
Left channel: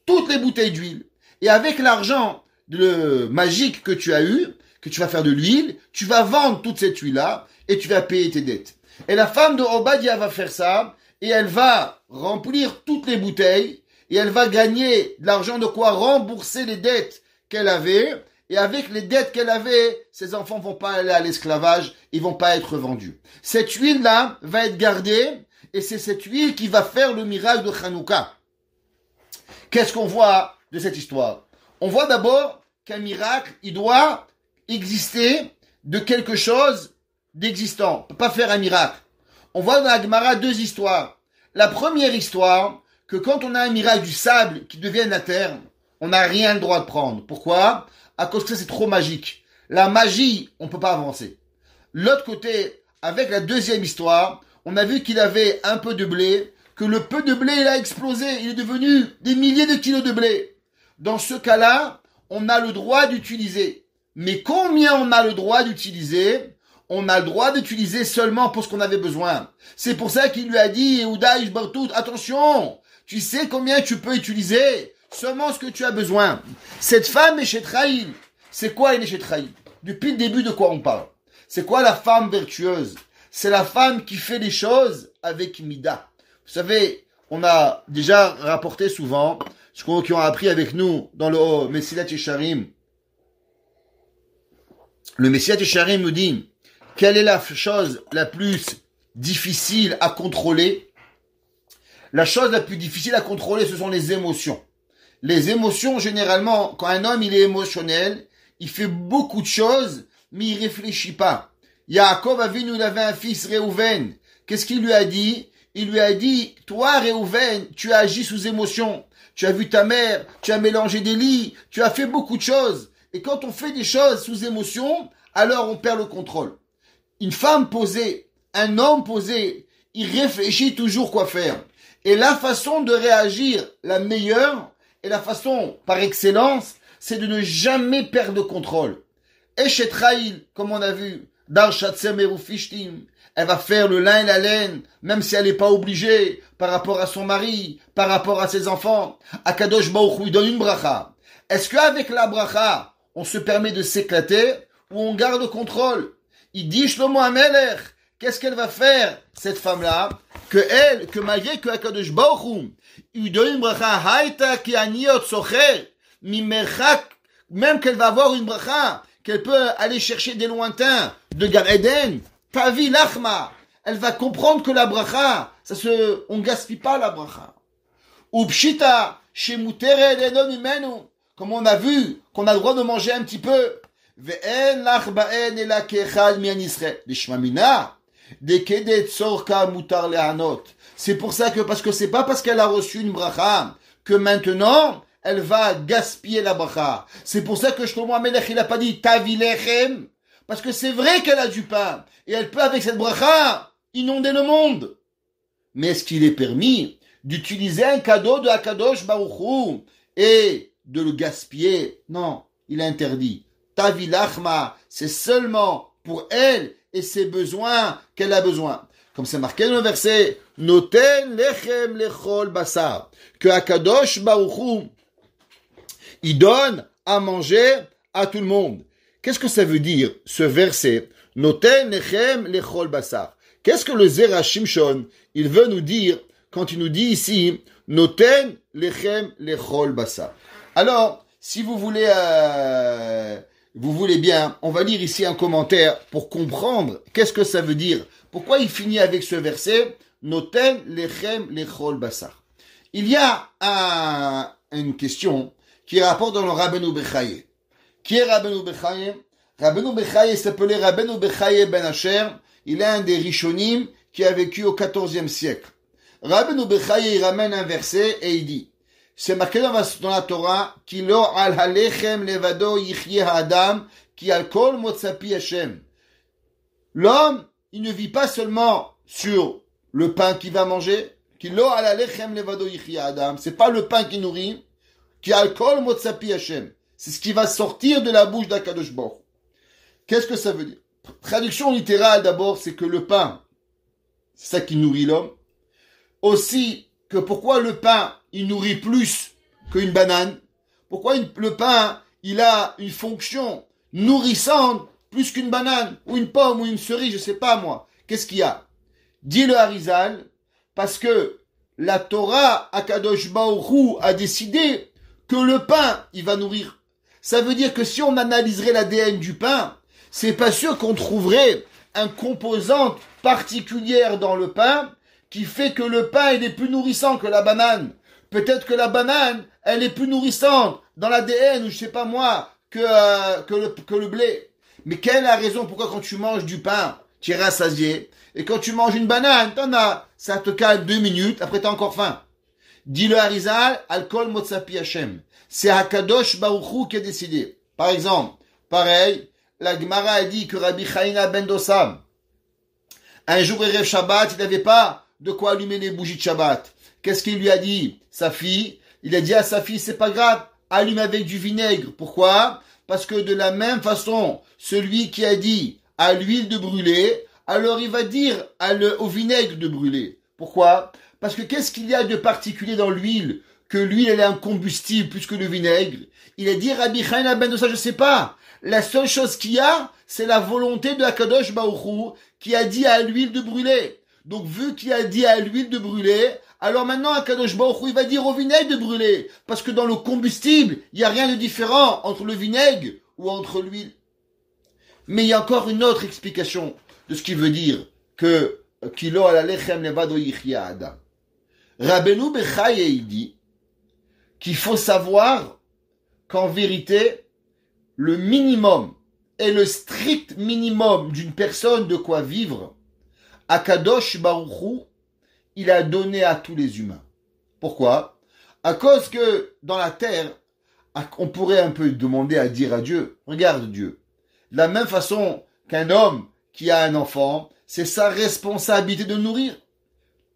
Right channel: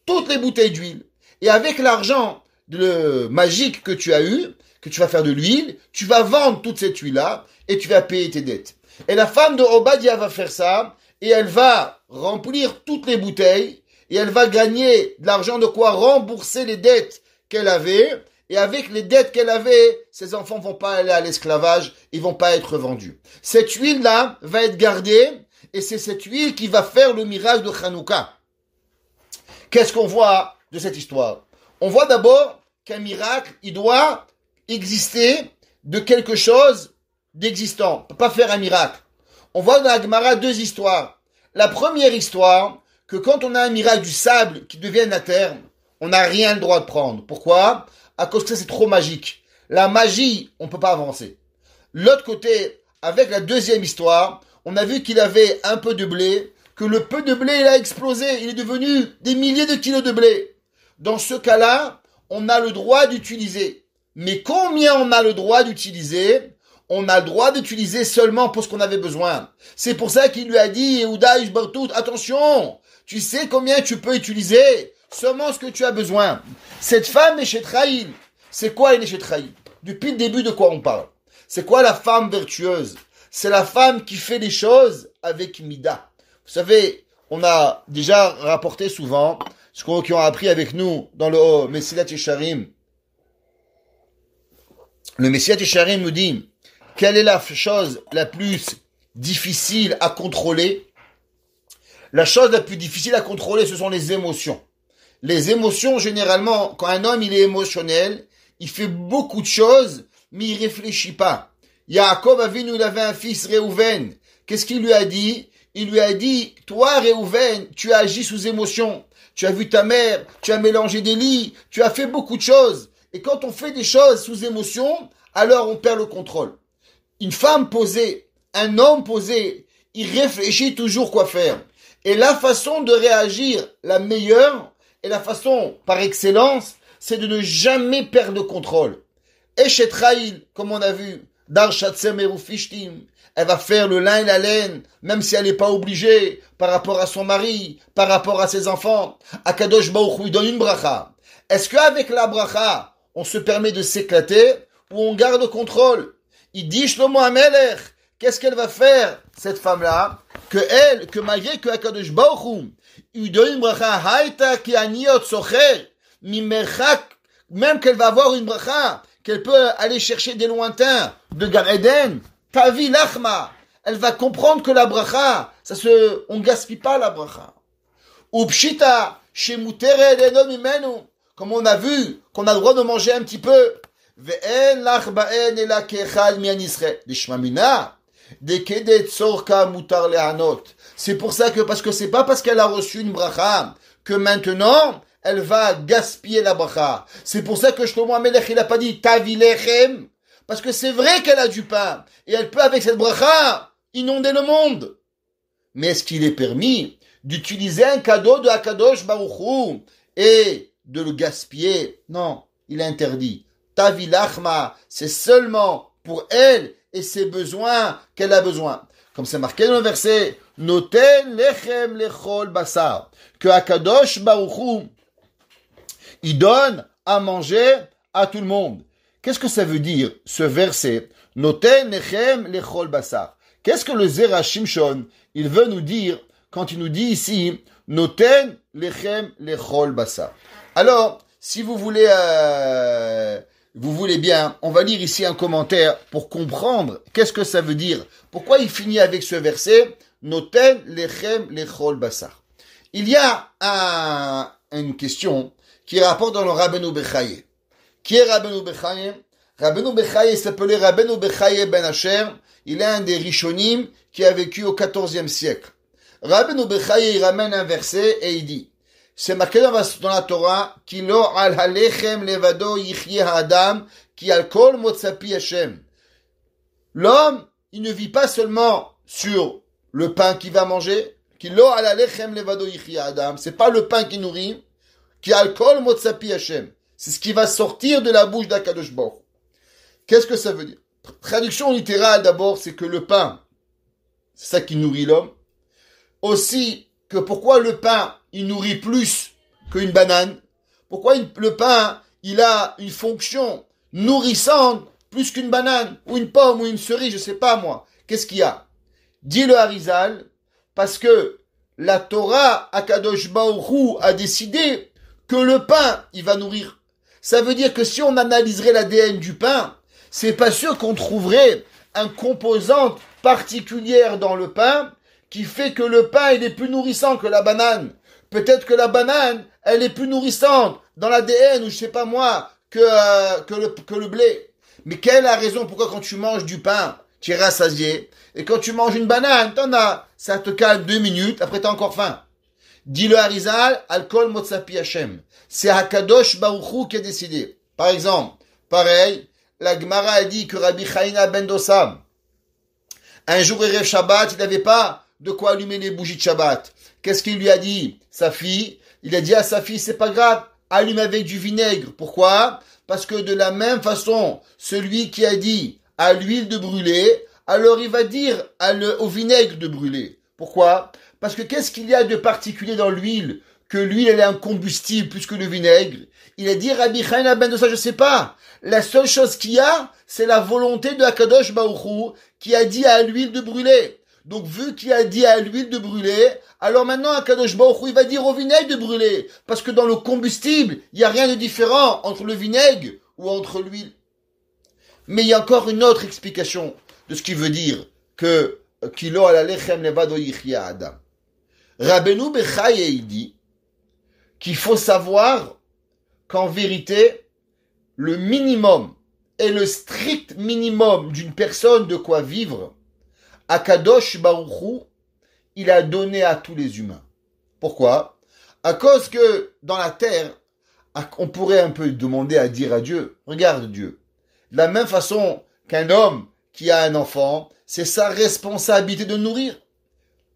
toutes les bouteilles d'huile. Et avec l'argent magique que tu as eu, que tu vas faire de l'huile, tu vas vendre toute cette huile-là et tu vas payer tes dettes. Et la femme de Obadiah va faire ça et elle va remplir toutes les bouteilles et elle va gagner de l'argent de quoi rembourser les dettes qu'elle avait. Et avec les dettes qu'elle avait, ses enfants vont pas aller à l'esclavage, ils vont pas être vendus. Cette huile-là va être gardée et c'est cette huile qui va faire le miracle de Hanouka. Qu'est-ce qu'on voit de cette histoire? On voit d'abord qu'un miracle, il doit exister de quelque chose d'existant. On ne peut pas faire un miracle. On voit dans la Gemara deux histoires. La première histoire, que quand on a un miracle du sable qui devient la terre, on n'a rien le droit de prendre. Pourquoi? À cause que c'est trop magique. La magie, on ne peut pas avancer. L'autre côté, avec la deuxième histoire, on a vu qu'il avait un peu de blé, que le peu de blé, il a explosé, il est devenu des milliers de kilos de blé. Dans ce cas-là, on a le droit d'utiliser. Mais combien on a le droit d'utiliser? On a le droit d'utiliser seulement pour ce qu'on avait besoin. C'est pour ça qu'il lui a dit, Yehuda Ishbartout, attention, tu sais combien tu peux utiliser? Seulement ce que tu as besoin. Cette femme est chez Traïl. C'est quoi une chez Traïl? Depuis le début, de quoi on parle? C'est quoi la femme vertueuse? C'est la femme qui fait les choses avec Mida. Vous savez, on a déjà rapporté souvent, ce qu'on a appris avec nous dans le Messilat Yesharim. Le Messilat Yesharim nous dit, quelle est la chose la plus difficile à contrôler? La chose la plus difficile à contrôler, ce sont les émotions. Les émotions, généralement, quand un homme il est émotionnel, il fait beaucoup de choses, mais il réfléchit pas. Yaakov Avinu, il avait un fils, Réhouven. Qu'est-ce qu'il lui a dit? Il lui a dit, toi, Réhouven, tu as agi sous émotion. Tu as vu ta mère, tu as mélangé des lits, tu as fait beaucoup de choses. Et quand on fait des choses sous émotion, alors on perd le contrôle. Une femme posée, un homme posé, il réfléchit toujours quoi faire. Et la façon de réagir, la meilleure, et la façon par excellence, c'est de ne jamais perdre le contrôle. Et chez Traïl, comme on a vu, Dar Shatzem Erufishtim, elle va faire le lin et la laine, même si elle n'est pas obligée, par rapport à son mari, par rapport à ses enfants. Akadosh Baruch Hu, il donne une bracha. Est-ce qu'avec la bracha, on se permet de s'éclater, ou on garde le contrôle? Il dit Shlomo HaMelech, qu'est-ce qu'elle va faire, cette femme-là? Que malgré que Akadosh Baruch Hu, il donne une bracha, haïta ki aniot socher, mimerchak, même qu'elle va avoir une bracha, qu'elle peut aller chercher des lointains de Gan Eden, tavi lachma, elle va comprendre que la bracha, on gaspille pas la bracha. Upshita, shemutere leno mimenu, comme on a vu, qu'on a le droit de manger un petit peu. Ve'en lach ba'en ela kechad mian Yisrael. Lishmamina, dekedet sorka mutar lehanot. C'est pour ça que, parce que c'est pas parce qu'elle a reçu une bracha, que maintenant, elle va gaspiller la bracha. C'est pour ça que Shlomo HaMelech, il a pas dit tavi lechem, parce que c'est vrai qu'elle a du pain, et elle peut avec cette bracha inonder le monde. Mais est-ce qu'il est permis d'utiliser un cadeau de Akadosh Baruch Hu et de le gaspiller? Non, il est interdit. Tavi lachma, c'est seulement pour elle et ses besoins qu'elle a besoin. Comme c'est marqué dans le verset, Noten lechem lechol basar, que Akadosh Baruch Hu, il donne à manger à tout le monde. Qu'est-ce que ça veut dire, ce verset? Noten lechem lechol basar. Qu'est-ce que le Zera Shimshon, il veut nous dire quand il nous dit ici, Noten lechem lechol basar? Alors, si vous voulez bien, on va lire ici un commentaire pour comprendre qu'est-ce que ça veut dire. Pourquoi il finit avec ce verset, Noten lechem lechol basar? Il y a une question qui rapporte dans le Rabbeinu Bechaye. Qui est Rabbeinu Bechaye? Rabbeinu Bechaye s'appelait Rabbeinu Bechaye ben Asher. Il est un des Rishonim qui a vécu au XIVe siècle. Rabbeinu Bechaye, il ramène un verset et il dit, c'est marqué dans la Torah, Ki lo al halechem levado yichye ha'adam, ki al kol motzapi Hashem. L'homme, il ne vit pas seulement sur le pain qu'il va manger, Ki lo al halechem levado yichye ha'adam. C'est pas le pain qui nourrit, Ki al kol motzapi Hashem. C'est ce qui va sortir de la bouche d'Akadosh Baruch. Qu'est-ce que ça veut dire? Traduction littérale d'abord, c'est que le pain, c'est ça qui nourrit l'homme. Aussi, que pourquoi le pain, il nourrit plus qu'une banane? Pourquoi le pain, il a une fonction nourrissante plus qu'une banane, ou une pomme, ou une cerise, je sais pas moi. Qu'est-ce qu'il y a? Dit le Harizal, parce que la Torah, Akadosh Baruch Hu, a décidé que le pain, il va nourrir. Ça veut dire que si on analyserait l'ADN du pain, c'est pas sûr qu'on trouverait un composante particulière dans le pain qui fait que le pain, il est plus nourrissant que la banane. Peut-être que la banane, elle est plus nourrissante dans l'ADN, ou je sais pas moi, que le blé. Mais quelle est la raison pourquoi quand tu manges du pain, tu es rassasié, et quand tu manges une banane, ça te cale 2 minutes, après t'as encore faim. Dit le Harizal, Alkol Motzapi Hashem. C'est Hakadosh Baruch Hu qui a décidé. Par exemple, pareil, la Gemara a dit que Rabbi Chaina ben Dossam, Un jour, Erev Shabbat, il n'avait pas de quoi allumer les bougies de Shabbat. Qu'est-ce qu'il lui a dit? Sa fille, il a dit à sa fille, c'est pas grave, allume avec du vinaigre. Pourquoi? Parce que de la même façon, celui qui a dit à l'huile de brûler, alors il va dire au vinaigre de brûler. Pourquoi? Parce que qu'est-ce qu'il y a de particulier dans l'huile? Que l'huile, elle est un combustible plus que le vinaigre. Il a dit, Rabbi Chaim ben de ça, je sais pas. La seule chose qu'il y a, c'est la volonté de Akadosh Baruch Hu qui a dit à l'huile de brûler. Donc, vu qu'il a dit à l'huile de brûler, alors maintenant, Akadosh Baruch Hu, il va dire au vinaigre de brûler. Parce que dans le combustible, il n'y a rien de différent entre le vinaigre ou entre l'huile. Mais il y a encore une autre explication de ce qui veut dire que Kilo ala lechem levado yichya adam. Rabbeinu Bechaye, il dit qu'il faut savoir qu'en vérité, le minimum et le strict minimum d'une personne de quoi vivre, Akadosh Baruch Hu, il a donné à tous les humains. Pourquoi? À cause que dans la terre, on pourrait un peu demander à dire à Dieu, regarde Dieu, de la même façon qu'un homme qui a un enfant, c'est sa responsabilité de nourrir.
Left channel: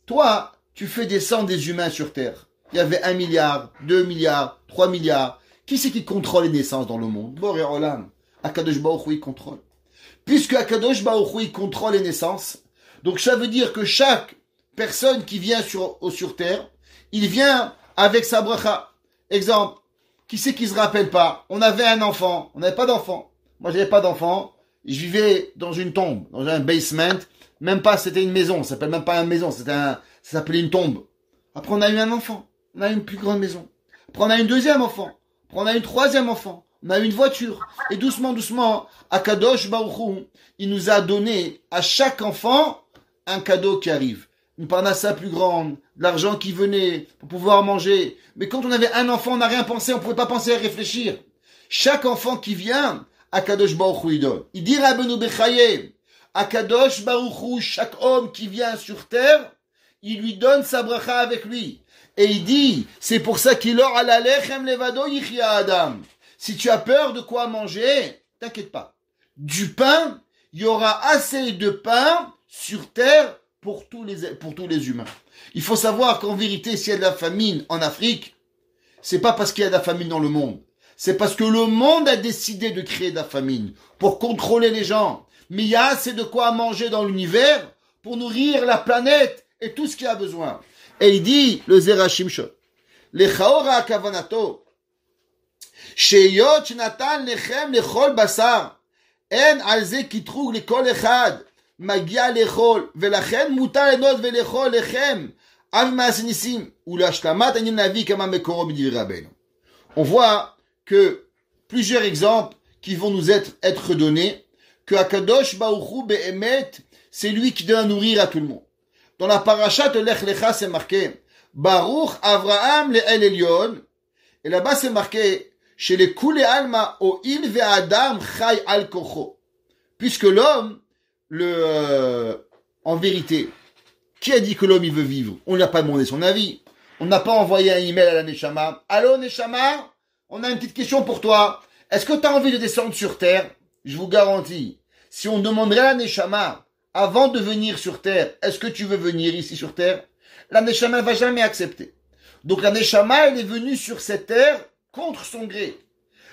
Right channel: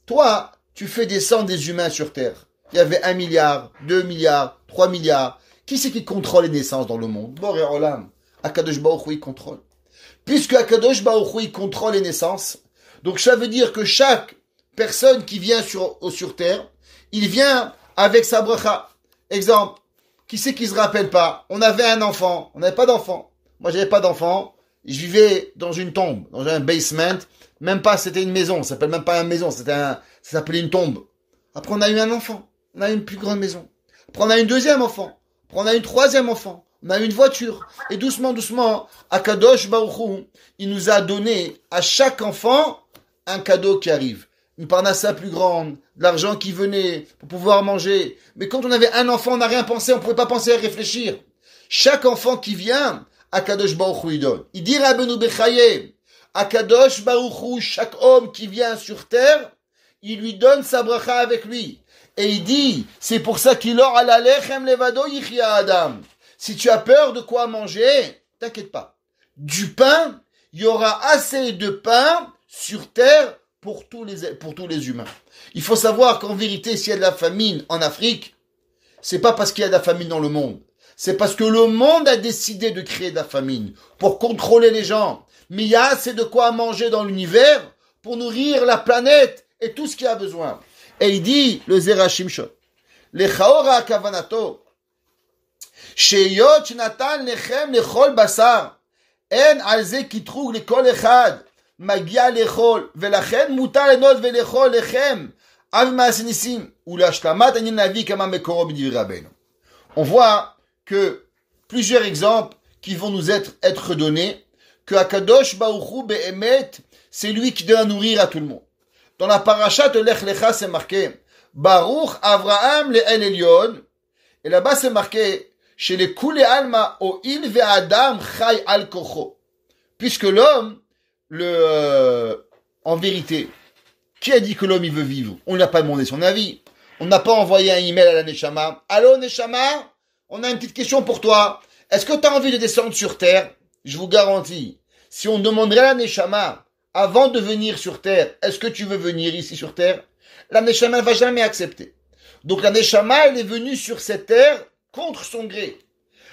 Toi, tu fais descendre des humains sur terre. Il y avait 1 milliard, 2 milliards, 3 milliards. Qui c'est qui contrôle les naissances dans le monde? Boré Olam. Akadosh Baruch Hu, il contrôle. Puisque Akadosh Baruch Hu, il contrôle les naissances, donc ça veut dire que chaque personne qui vient sur terre, il vient avec sa bracha. Exemple, qui c'est qui se rappelle pas? On avait un enfant, on n'avait pas d'enfant. Moi, j'avais pas d'enfant. Je vivais dans une tombe, dans un basement. Même pas, c'était une maison. Ça s'appelle même pas une maison, ça s'appelait une tombe. Après, on a eu un enfant. On a eu une plus grande maison. Après, on a eu un deuxième enfant. Après, on a eu un troisième enfant. On a eu une voiture. Et doucement, doucement, Akadosh Baruch Hu, il nous a donné à chaque enfant un cadeau qui arrive. Une parnassa plus grande, de l'argent qui venait pour pouvoir manger. Mais quand on avait un enfant, on n'a rien pensé, on ne pouvait pas penser à réfléchir. Chaque enfant qui vient, Akadosh Baruch Hu, il donne. Il dit Rabbeinu Bechaye, Akadosh Baruch Hu, chaque homme qui vient sur terre, il lui donne sa bracha avec lui. Et il dit, c'est pour ça qu'il aura ala lechem levado yichya adam. Si tu as peur de quoi manger, t'inquiète pas. Du pain, il y aura assez de pain sur terre pour tous les humains. Il faut savoir qu'en vérité, s'il y a de la famine en Afrique, c'est pas parce qu'il y a de la famine dans le monde. C'est parce que le monde a décidé de créer de la famine pour contrôler les gens. Mais il y a assez de quoi manger dans l'univers pour nourrir la planète et tout ce qu'il y a besoin. Et il dit, le Zera Shimshon, Lechaora kavanato, Sheyot natan lechem lechol basar, en alze kitrug lekol echad, magia lechol, velachen mutar enot velechol lechem, av maasenisim, ou l'ashlamat anin navi kama mekoro b'divri Rabbeinu. On voit que plusieurs exemples qui vont nous être donnés, que Akadosh Baruch Hu be'emet, c'est lui qui doit nourrir à tout le monde. Dans la paracha de Lech Lecha, c'est marqué Baruch Avraham le'el Elyon. Et là-bas, c'est marqué chez les Kule Alma O'il ve'Adam Chai al Kocho. Puisque l'homme, en vérité, qui a dit que l'homme il veut vivre? On n'a pas demandé son avis. On n'a pas envoyé un email à la Neshama. Allô Neshama, on a une petite question pour toi. Est-ce que tu as envie de descendre sur terre? Je vous garantis, si on demanderait à la Neshama avant de venir sur terre, est-ce que tu veux venir ici sur terre? La Neshama ne va jamais accepter. Donc la Neshama, elle est venue sur cette terre contre son gré.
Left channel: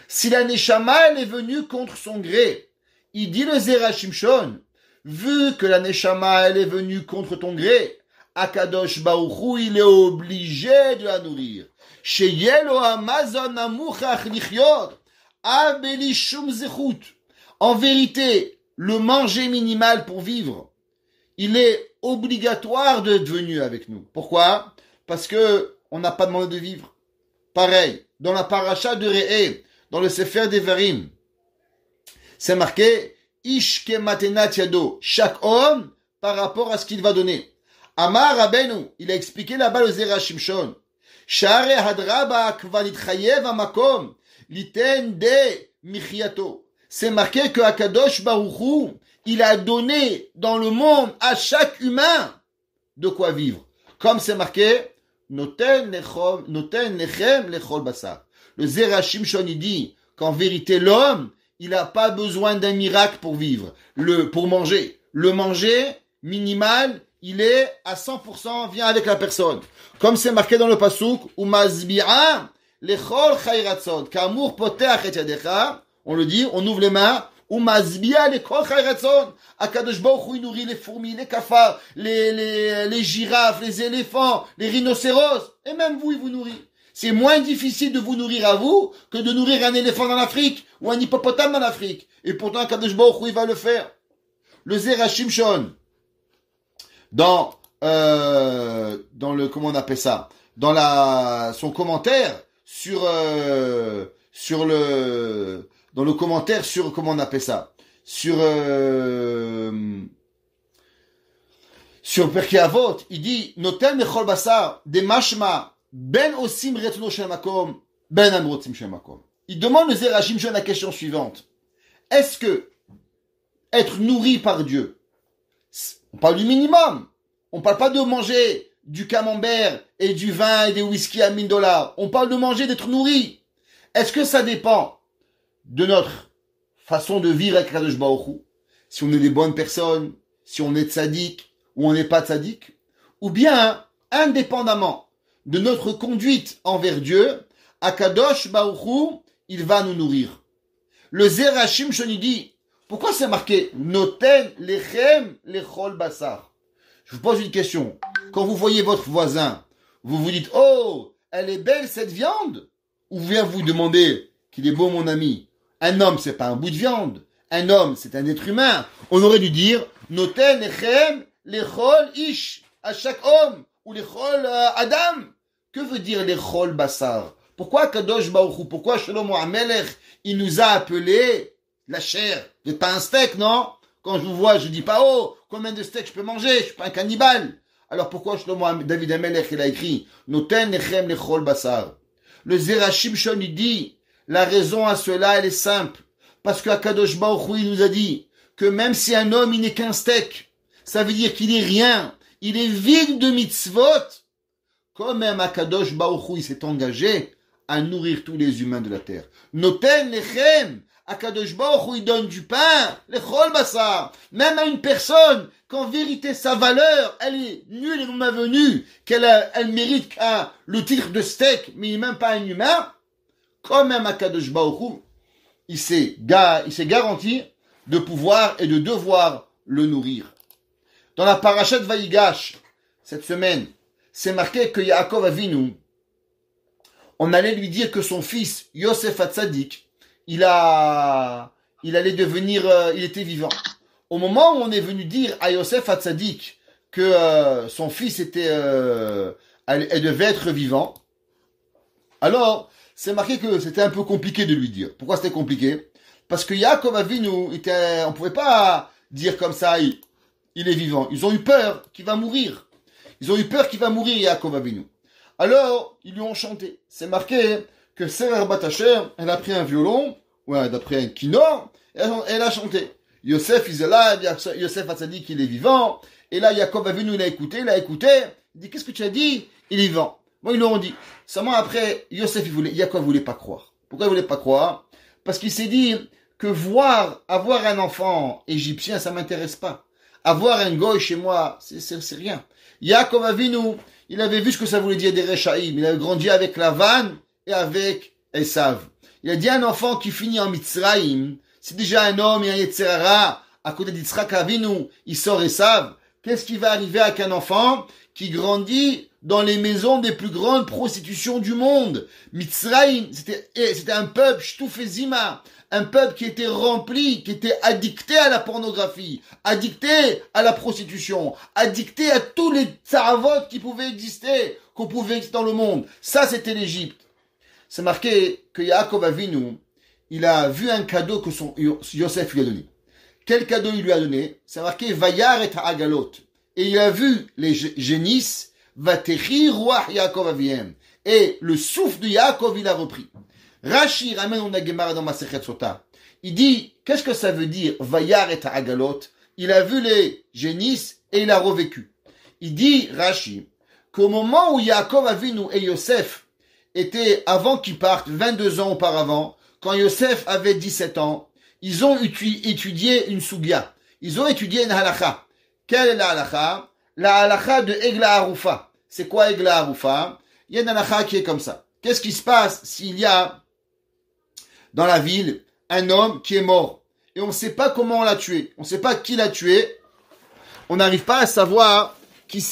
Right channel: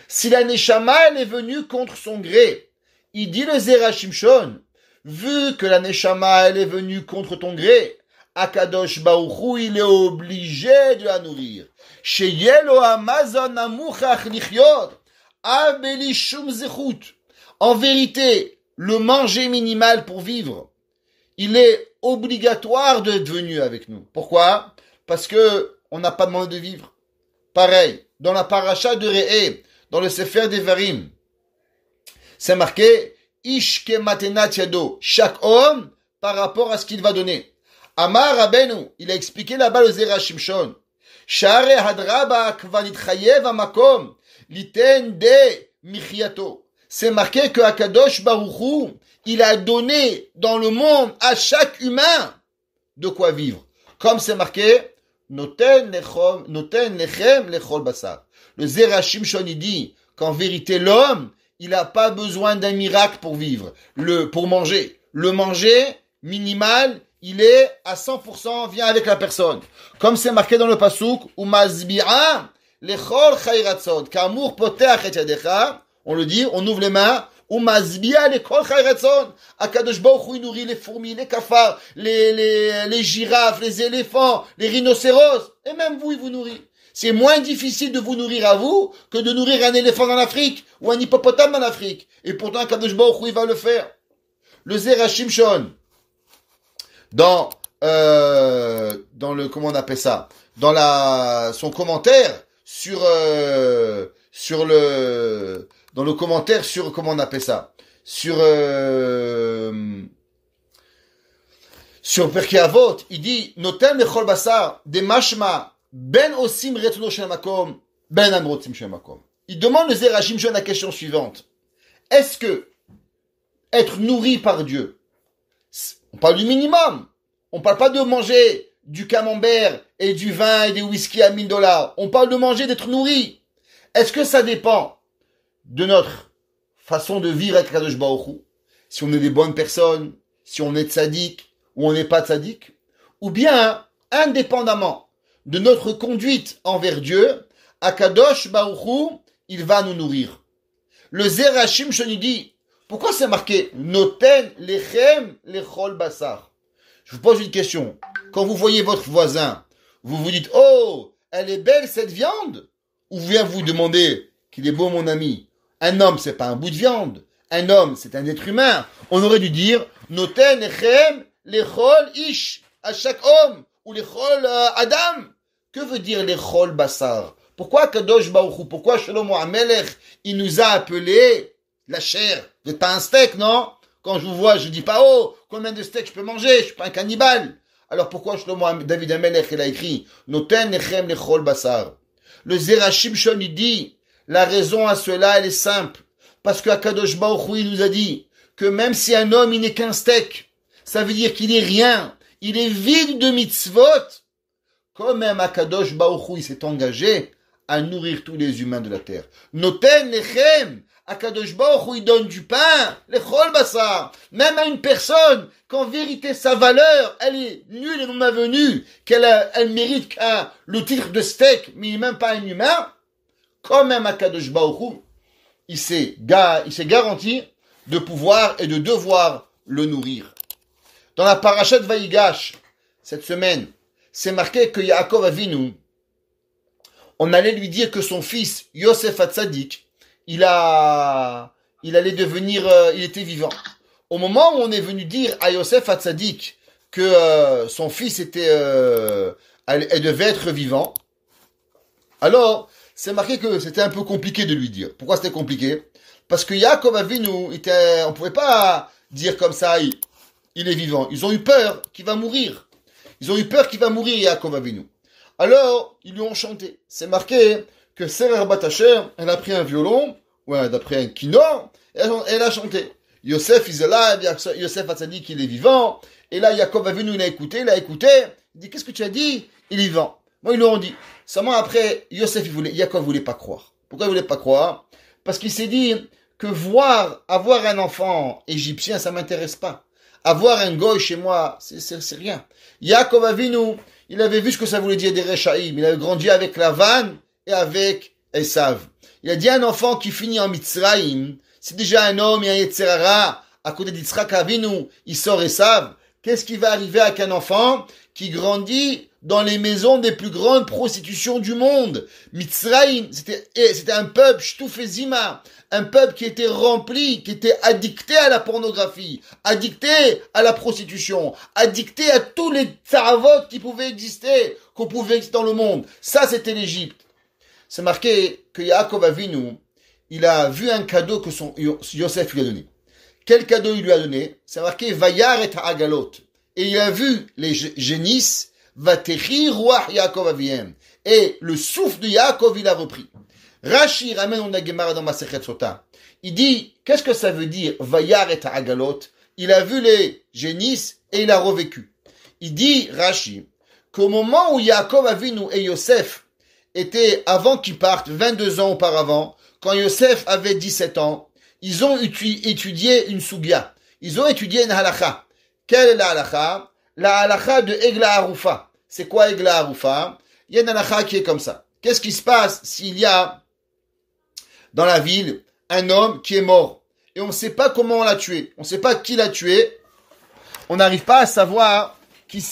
Si la Neshama, elle est venue contre son gré, il dit le Zera Shimshon, vu que la Neshama, elle est venue contre ton gré, Akadosh Baruch Hu, il est obligé de la nourrir. Sheyelo Amazon amuchach lichyot, abeli shum zechut. En vérité, le manger minimal pour vivre, il est obligatoire d'être venu avec nous. Pourquoi? Parce que on n'a pas demandé de vivre. Pareil, dans la paracha de Re'eh, dans le Sefer Devarim, c'est marqué Ish ke matenat yado, chaque homme par rapport à ce qu'il va donner. Amar Rabbeinu, il a expliqué là-bas le Zera Shimshon. Share hadraba kvanit chayev amakom liten de michiato. C'est marqué que Akadosh Baruch Hu, il a donné dans le monde à chaque humain de quoi vivre. Comme c'est marqué, Noten lechem lechol basar. Le Zera Shimshon, il dit qu'en vérité, l'homme, il n'a pas besoin d'un miracle pour vivre, pour manger. Le manger, minimal, il est à 100% vient avec la personne. Comme c'est marqué dans le pasuk, umazbi'a lechol chayratzon, k'amour poteach et yadecha, on le dit, on ouvre les mains, umazbi'a lechol chayratzon, Akadosh Baruch Hu, il nourrit les fourmis, les cafards, les girafes, les éléphants, les rhinocéros, et même vous, il vous nourrit. C'est moins difficile de vous nourrir à vous que de nourrir un éléphant en Afrique ou un hippopotame en Afrique. Et pourtant, Akadosh Baruch Hu, il va le faire. Le Zera Shimshon, dans le, comment on appelle ça, dans son commentaire dans le commentaire sur, comment on appelle ça, sur Pirkei Avot, il dit, Notem lechol basar, de mashma, ben osim retno shel makom, ben amrotim shel makom. Il demande le Zera Shimshon la question suivante. Est-ce que être nourri par Dieu, on parle du minimum, on parle pas de manger du camembert et du vin et des whisky à $1000, on parle de manger, d'être nourri. Est-ce que ça dépend de notre façon de vivre avec Kadosh Baruch Hu, si on est des bonnes personnes, si on est tzaddik ou on n'est pas tzaddik, ou bien, indépendamment de notre conduite envers Dieu, Akadosh Baruch Hu, il va nous nourrir. Le Zera Shimshon dit, pourquoi c'est marqué Noten lechem lechol basar? Je vous pose une question. Quand vous voyez votre voisin, vous vous dites, oh, elle est belle cette viande? Ou vient vous demander qu'il est beau mon ami? Un homme, c'est pas un bout de viande. Un homme, c'est un être humain. On aurait dû dire, Noten lechem lechol ish, à chaque homme, ou lechol adam. Que veut dire lechol basar? Pourquoi Kadosh Baruch Hu, pourquoi Shlomo HaMelech, il nous a appelé la chair? Vous n'êtes pas un steak, non? Quand je vous vois, je dis pas, oh, combien de steaks je peux manger? Je suis pas un cannibale. Alors pourquoi David HaMelech, il a écrit, Noten lechem lechol basar? Le Zera Shimshon, il dit, la raison à cela, elle est simple. Parce que Akadosh Baruch Hu, il nous a dit que même si un homme, il n'est qu'un steak, ça veut dire qu'il est rien. Il est vide de mitzvot. Quand même Akadosh Baruch Hu, il s'est engagé à nourrir tous les humains de la terre. Noten lechem. Akadosh Baruch Hu, il donne du pain, lechol basar. Même à une personne, qu'en vérité, sa valeur, elle est nulle et non avenue, elle mérite le titre de steak, mais il n'est même pas un humain. Quand même Akadosh Baruch Hu, il s'est garanti de pouvoir et de devoir le nourrir. Dans la parashat Vayigash, cette semaine, c'est marqué que Yaakov Avinu, on allait lui dire que son fils, Yosef Hatzadik, il allait devenir, il était vivant. Au moment où on est venu dire à Yosef Hatzadik que son fils elle devait être vivant, alors, c'est marqué que c'était un peu compliqué de lui dire. Pourquoi c'était compliqué? Parce que Yaakov Avinu, on pouvait pas dire comme ça, il est vivant. Ils ont eu peur qu'il va mourir. Ils ont eu peur qu'il va mourir, Yaakov Avinu. Alors, ils lui ont chanté. C'est marqué que Serer Batacher, elle a pris un violon, ouais, d'après un kinor, et elle a chanté. Yosef, il est là, Yosef a dit qu'il est vivant, et là, Yaakov Avinu, il a écouté, il dit, qu'est-ce que tu as dit? Il est vivant. Bon, ils leur ont dit. Seulement après, Yaakov voulait pas croire. Pourquoi il voulait pas croire? Parce qu'il s'est dit que avoir un enfant égyptien, ça m'intéresse pas. Avoir un goy chez moi, c'est rien. Yaakov Avinu, il avait vu ce que ça voulait dire des Rechaïm. Il avait grandi avec Lavan et avec Esav. Il a dit un enfant qui finit en Mitzrayim, c'est déjà un homme et un Yetzirara, à côté d'Yitzhak Avinu, il sort Esav. Qu'est-ce qui va arriver avec un enfant qui grandit dans les maisons des plus grandes prostitutions du monde? Mitzrayim, c'était un peuple, Shtoufezima, un peuple qui était rempli, qui était addicté à la pornographie, addicté à la prostitution, addicté à tous les tsaravot qui pouvaient exister, qu'on pouvait exister dans le monde. Ça, c'était l'Égypte. C'est marqué que Yaakov Avinu, il a vu un cadeau que Yosef lui a donné. Quel cadeau il lui a donné? C'est marqué Vayar et Ha'agalot. Et il a vu les génisses, Vatechi Ruach Yaakov Aviem. Et le souffle de Yaakov, il a repris. Rashi ramène on a Gemara dans Masechet Sota. Il dit, qu'est-ce que ça veut dire Vayar et Ha'agalot? Il a vu les génisses et il a revécu. Il dit, Rashi, qu'au moment où Yaakov Avinu et Yosef étaient, avant qu'ils partent, 22 ans auparavant, quand Yosef avait 17 ans, ils ont étudié une soubia. Ils ont étudié une halakha. Quelle est la halakha? La halakha de Egla Harufa. C'est quoi Egla Harufa? Il y a une halakha qui est comme ça. Qu'est-ce qui se passe s'il y a dans la ville un homme qui est mort et on ne sait pas comment on l'a tué, on ne sait pas qui l'a tué, on n'arrive pas à savoir qui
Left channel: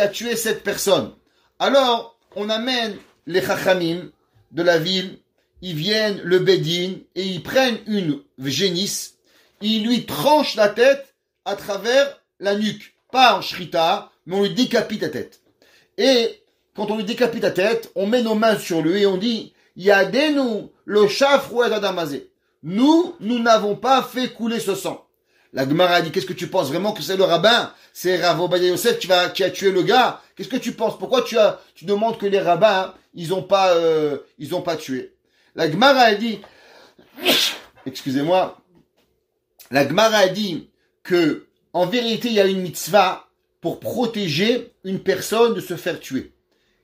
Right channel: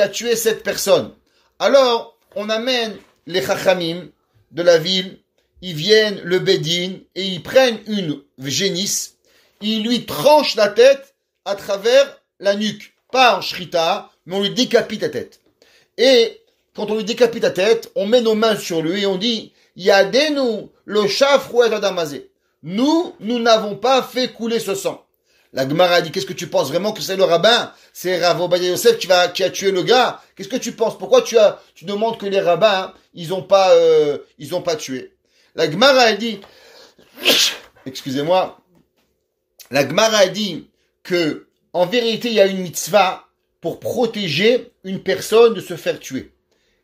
a tué cette personne. Alors on amène les chachamim de la ville, ils viennent le bédine et ils prennent une génisse, ils lui tranchent la tête à travers la nuque, pas en shrita, mais on lui décapite la tête. Et quand on lui décapite la tête, on met nos mains sur lui et on dit Yadenu le shafru et adamazé. Nous n'avons pas fait couler ce sang. La Gemara dit, qu'est-ce que tu penses vraiment que c'est le rabbin? C'est Rav Ovadia Yosef qui a tué le gars? Qu'est-ce que tu penses? Pourquoi tu demandes que les rabbins, ils ont pas tué? La Gemara dit, excusez-moi, la Gemara dit que, en vérité, il y a une mitzvah pour protéger une personne de se faire tuer.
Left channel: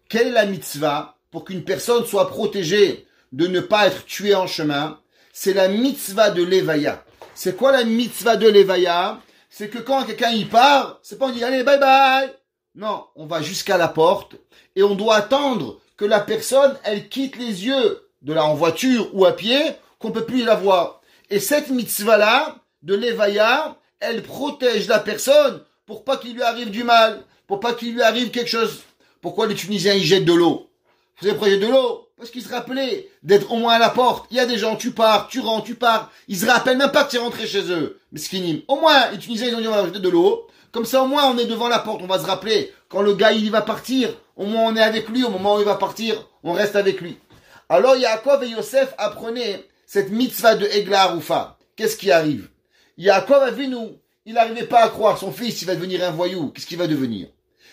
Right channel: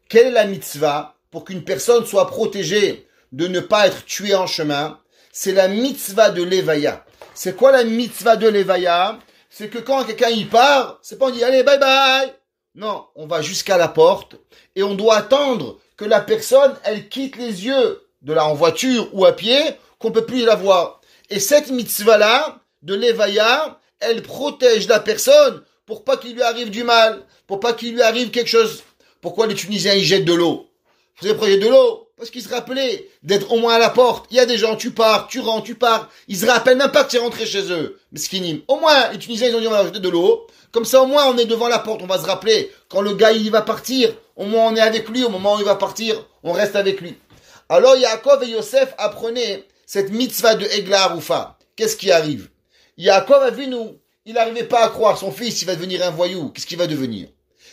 Quelle est la mitzvah pour qu'une personne soit protégée de ne pas être tuée en chemin? C'est la mitzvah de l'Evaya. C'est quoi la mitzvah de l'Evaya? C'est que quand quelqu'un y part, c'est pas on dit allez bye bye. Non, on va jusqu'à la porte et on doit attendre que la personne elle quitte les yeux de là en voiture ou à pied, qu'on peut plus la voir. Et cette mitzvah là de l'Evaya, elle protège la personne pour pas qu'il lui arrive du mal, pour pas qu'il lui arrive quelque chose. Pourquoi les Tunisiens ils jettent de l'eau? Vous savez pourquoi ils jettent de l'eau? Parce qu'ils se rappelaient d'être au moins à la porte. Il y a des gens, tu pars, tu rentres, tu pars. Ils se rappellent même pas que tu es rentré chez eux. Mais skinim. Au moins, les Tunisiens, ils ont dit, on va jeter de l'eau. Comme ça, au moins, on est devant la porte. On va se rappeler. Quand le gars, il va partir, au moins, on est avec lui. Au moment où il va partir, on reste avec lui. Alors, Yaakov et Yosef apprenaient cette mitzvah de Egla Harufa. Qu'est-ce qui arrive? Yaakov a vu nous. Il n'arrivait pas à croire. Son fils, il va devenir un voyou. Qu'est-ce qu'il va devenir?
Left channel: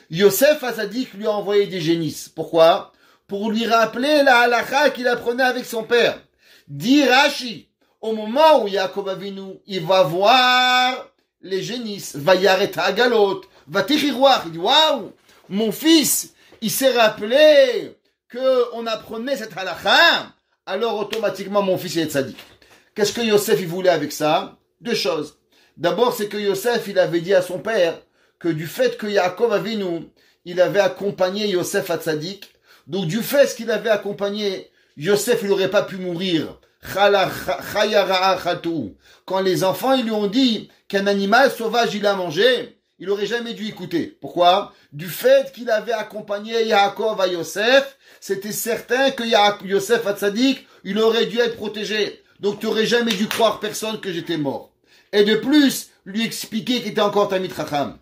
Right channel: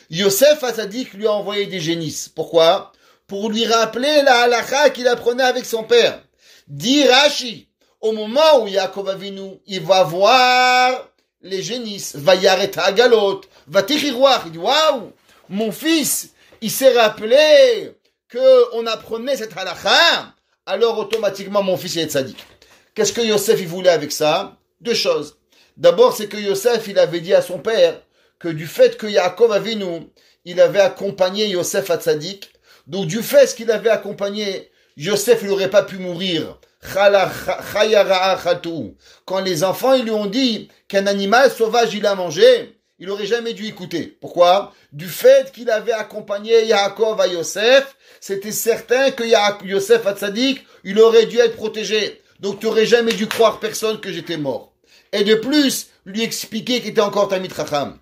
Yosef a dit qu'il lui a envoyé des génisses. Pourquoi? Pour lui rappeler la halakha qu'il apprenait avec son père. Dit Rashi, au moment où Yaakov Avinu, il va voir les génisses, va yareta agalot, va tichiroir, il dit waouh, mon fils, il s'est rappelé que on apprenait cette halakha, alors automatiquement mon fils il est tzaddik. Qu'est-ce que Yosef il voulait avec ça? Deux choses. D'abord, c'est que Yosef il avait dit à son père que du fait que Yaakov Avinu, il avait accompagné Yosef à tzaddik. Donc du fait qu'il avait accompagné, Yosef il n'aurait pas pu mourir. Quand les enfants ils lui ont dit qu'un animal sauvage il a mangé, il n'aurait jamais dû écouter. Pourquoi? Du fait qu'il avait accompagné Yaakov à Yosef, c'était certain que Yosef à Tzadik, il aurait dû être protégé. Donc tu n'aurais jamais dû croire personne que j'étais mort. Et de plus, lui expliquer qu'il était encore Tamid Chacham.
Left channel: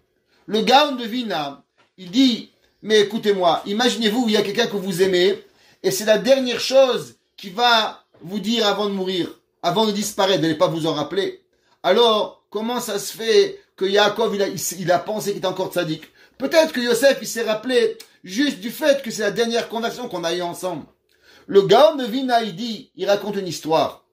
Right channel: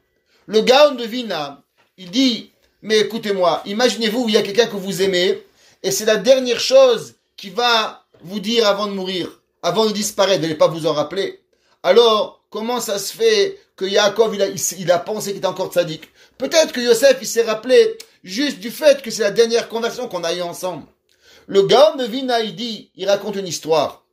Le Gaon de Vina, il dit, mais écoutez-moi, imaginez-vous, il y a quelqu'un que vous aimez, et c'est la dernière chose qui va vous dire avant de mourir, avant de disparaître, de ne pas vous en rappeler. Alors, comment ça se fait que Yaakov, il a pensé qu'il était encore tzaddik? Peut-être que Yosef, il s'est rappelé juste du fait que c'est la dernière conversion qu'on a eue ensemble. Le Gaon de Vina, il raconte une histoire.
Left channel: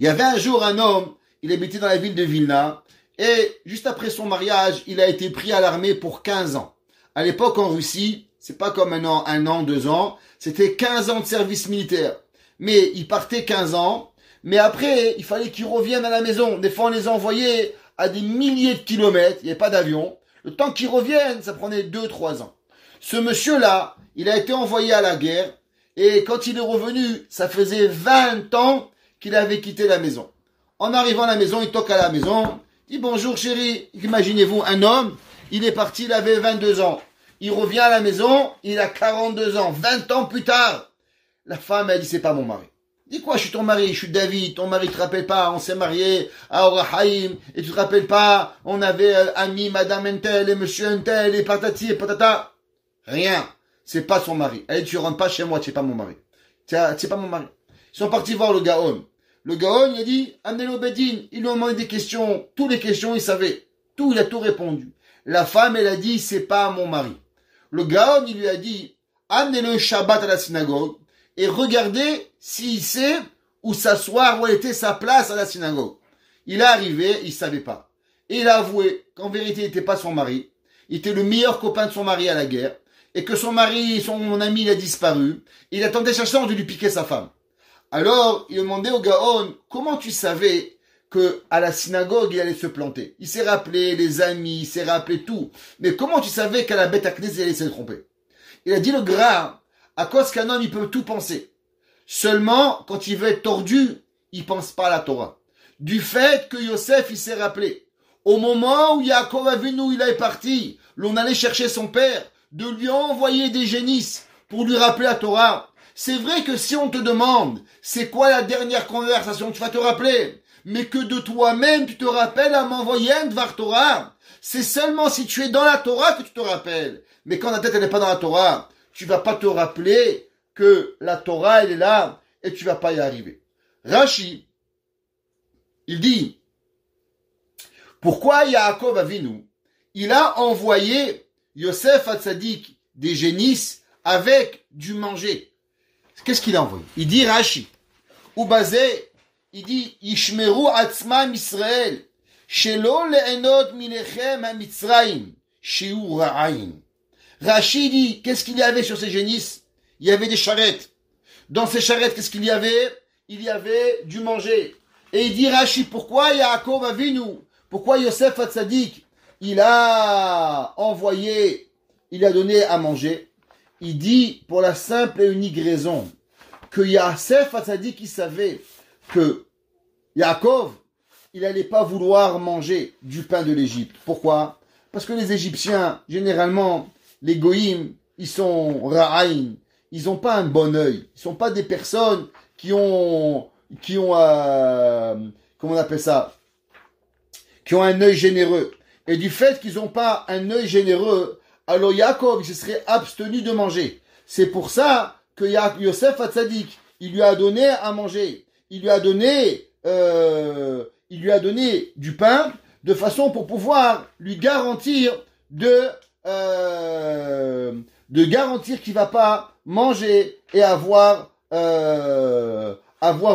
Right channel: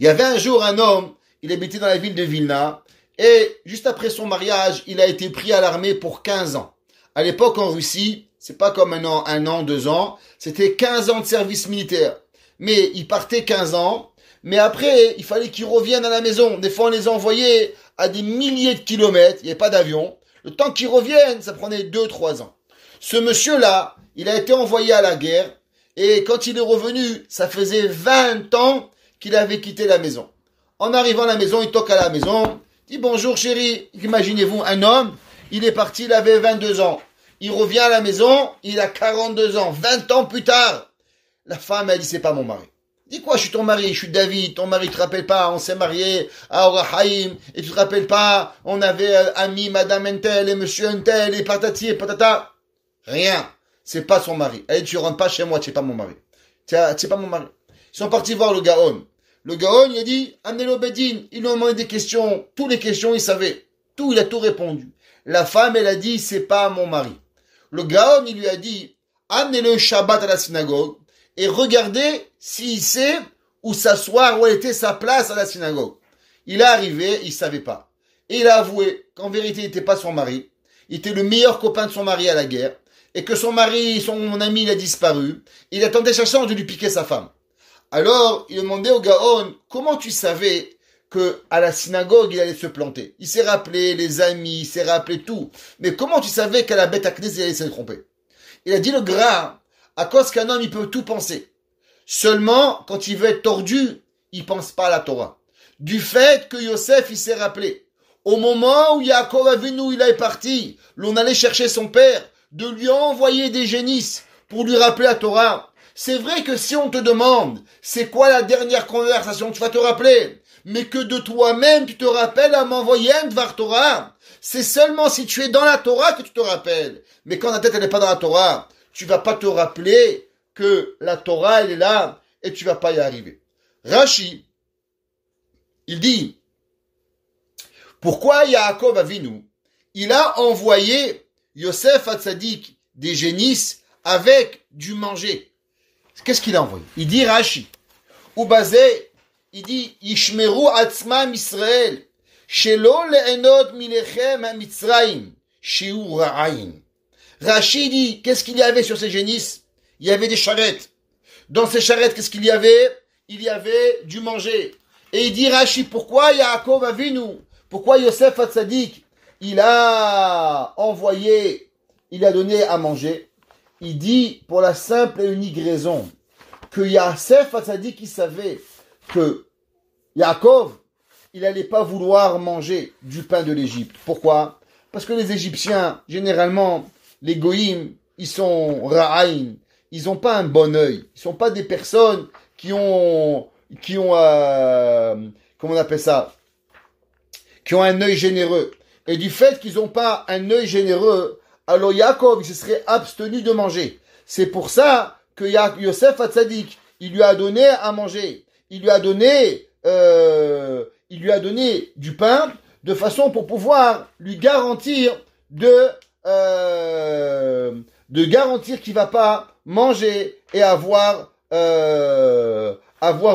Il y avait un jour un homme, il habitait dans la ville de Vilna, et juste après son mariage, il a été pris à l'armée pour 15 ans. À l'époque, en Russie, c'est pas comme un an, 2 ans, c'était 15 ans de service militaire. Mais il partait 15 ans, mais après, il fallait qu'ils reviennent à la maison. Des fois, on les envoyait à des milliers de kilomètres, il n'y avait pas d'avion. Le temps qu'ils reviennent, ça prenait 2-3 ans. Ce monsieur-là, il a été envoyé à la guerre, et quand il est revenu, ça faisait 20 ans qu'il avait quitté la maison. En arrivant à la maison, il toque à la maison, il dit bonjour chérie. Imaginez-vous, un homme, il est parti, il avait 22 ans. Il revient à la maison, il a 42 ans, 20 ans plus tard. La femme, elle dit, c'est pas mon mari. Dis quoi, je suis ton mari, je suis David, ton mari, tu te rappelles pas, on s'est marié à Orahaim, et tu te rappelles pas, on avait ami madame Entel et monsieur Entel et patati et patata. Rien. C'est pas son mari. Elle dit, tu rentres pas chez moi, tu es pas mon mari. Tu es pas mon mari. Ils sont partis voir le Gaon. Le Gaon, il a dit, amenez-le au Bedin. Ils lui ont demandé des questions. Toutes les questions, il savait. Tout, il a tout répondu. La femme, elle a dit, c'est pas mon mari. Le Gaon, il lui a dit, amenez-le Shabbat à la synagogue et regardez s'il sait où s'asseoir, où était sa place à la synagogue. Il est arrivé, il savait pas. Et il a avoué qu'en vérité, il n'était pas son mari. Il était le meilleur copain de son mari à la guerre. Et que son mari, mon ami, il a disparu. Il attendait sa chance de lui piquer sa femme. Alors, il demandait au Gaon, comment tu savais que à la synagogue, il allait se planter. Il s'est rappelé les amis, il s'est rappelé tout. Mais comment tu savais qu'à la bête à Knesset, il allait se tromper? Il a dit le gras, à cause qu'un homme, il peut tout penser. Seulement, quand il veut être tordu, il pense pas à la Torah. Du fait que Yosef, il s'est rappelé. Au moment où Yaakov Avinu, il est parti, l'on allait chercher son père, de lui envoyer des génisses pour lui rappeler la Torah. C'est vrai que si on te demande, c'est quoi la dernière conversation, tu vas te rappeler. Mais que de toi-même, tu te rappelles à m'envoyer un Dvar Torah. C'est seulement si tu es dans la Torah que tu te rappelles. Mais quand la tête, elle n'est pas dans la Torah, tu vas pas te rappeler que la Torah, elle est là, et tu vas pas y arriver. Rashi, il dit, pourquoi Yaakov Avinu, il a envoyé Yosef Hatzadik des génisses avec du manger. Qu'est-ce qu'il a envoyé? Il dit Rashi, ou basé, il dit Yishmeru atzmam Israël, shelo leenod milechem ha-mitzrayim, shiu ra'ayin. Rashi dit, qu'est-ce qu'il y avait sur ces génisses? Il y avait des charrettes. Dans ces charrettes, qu'est-ce qu'il y avait? Il y avait du manger. Et il dit Rashi, pourquoi Yaakov Avinu, pourquoi Yosef Hatzadik, il a envoyé, il a donné à manger? Il dit pour la simple et unique raison que Yosef Hatzadik, il savait que Yaakov, il n'allait pas vouloir manger du pain de l'Égypte. Pourquoi? Parce que les Égyptiens, généralement, les goïms, ils sont ra'aïn, ils n'ont pas un bon œil. Ils ne sont pas des personnes qui ont comment on appelle ça? Qui ont un œil généreux. Et du fait qu'ils n'ont pas un œil généreux, alors Yaakov, il se serait abstenu de manger. C'est pour ça que Yosef Hatzadik, il lui a donné à manger. Il lui a donné du pain de façon pour pouvoir lui garantir garantir qu'il va pas manger et avoir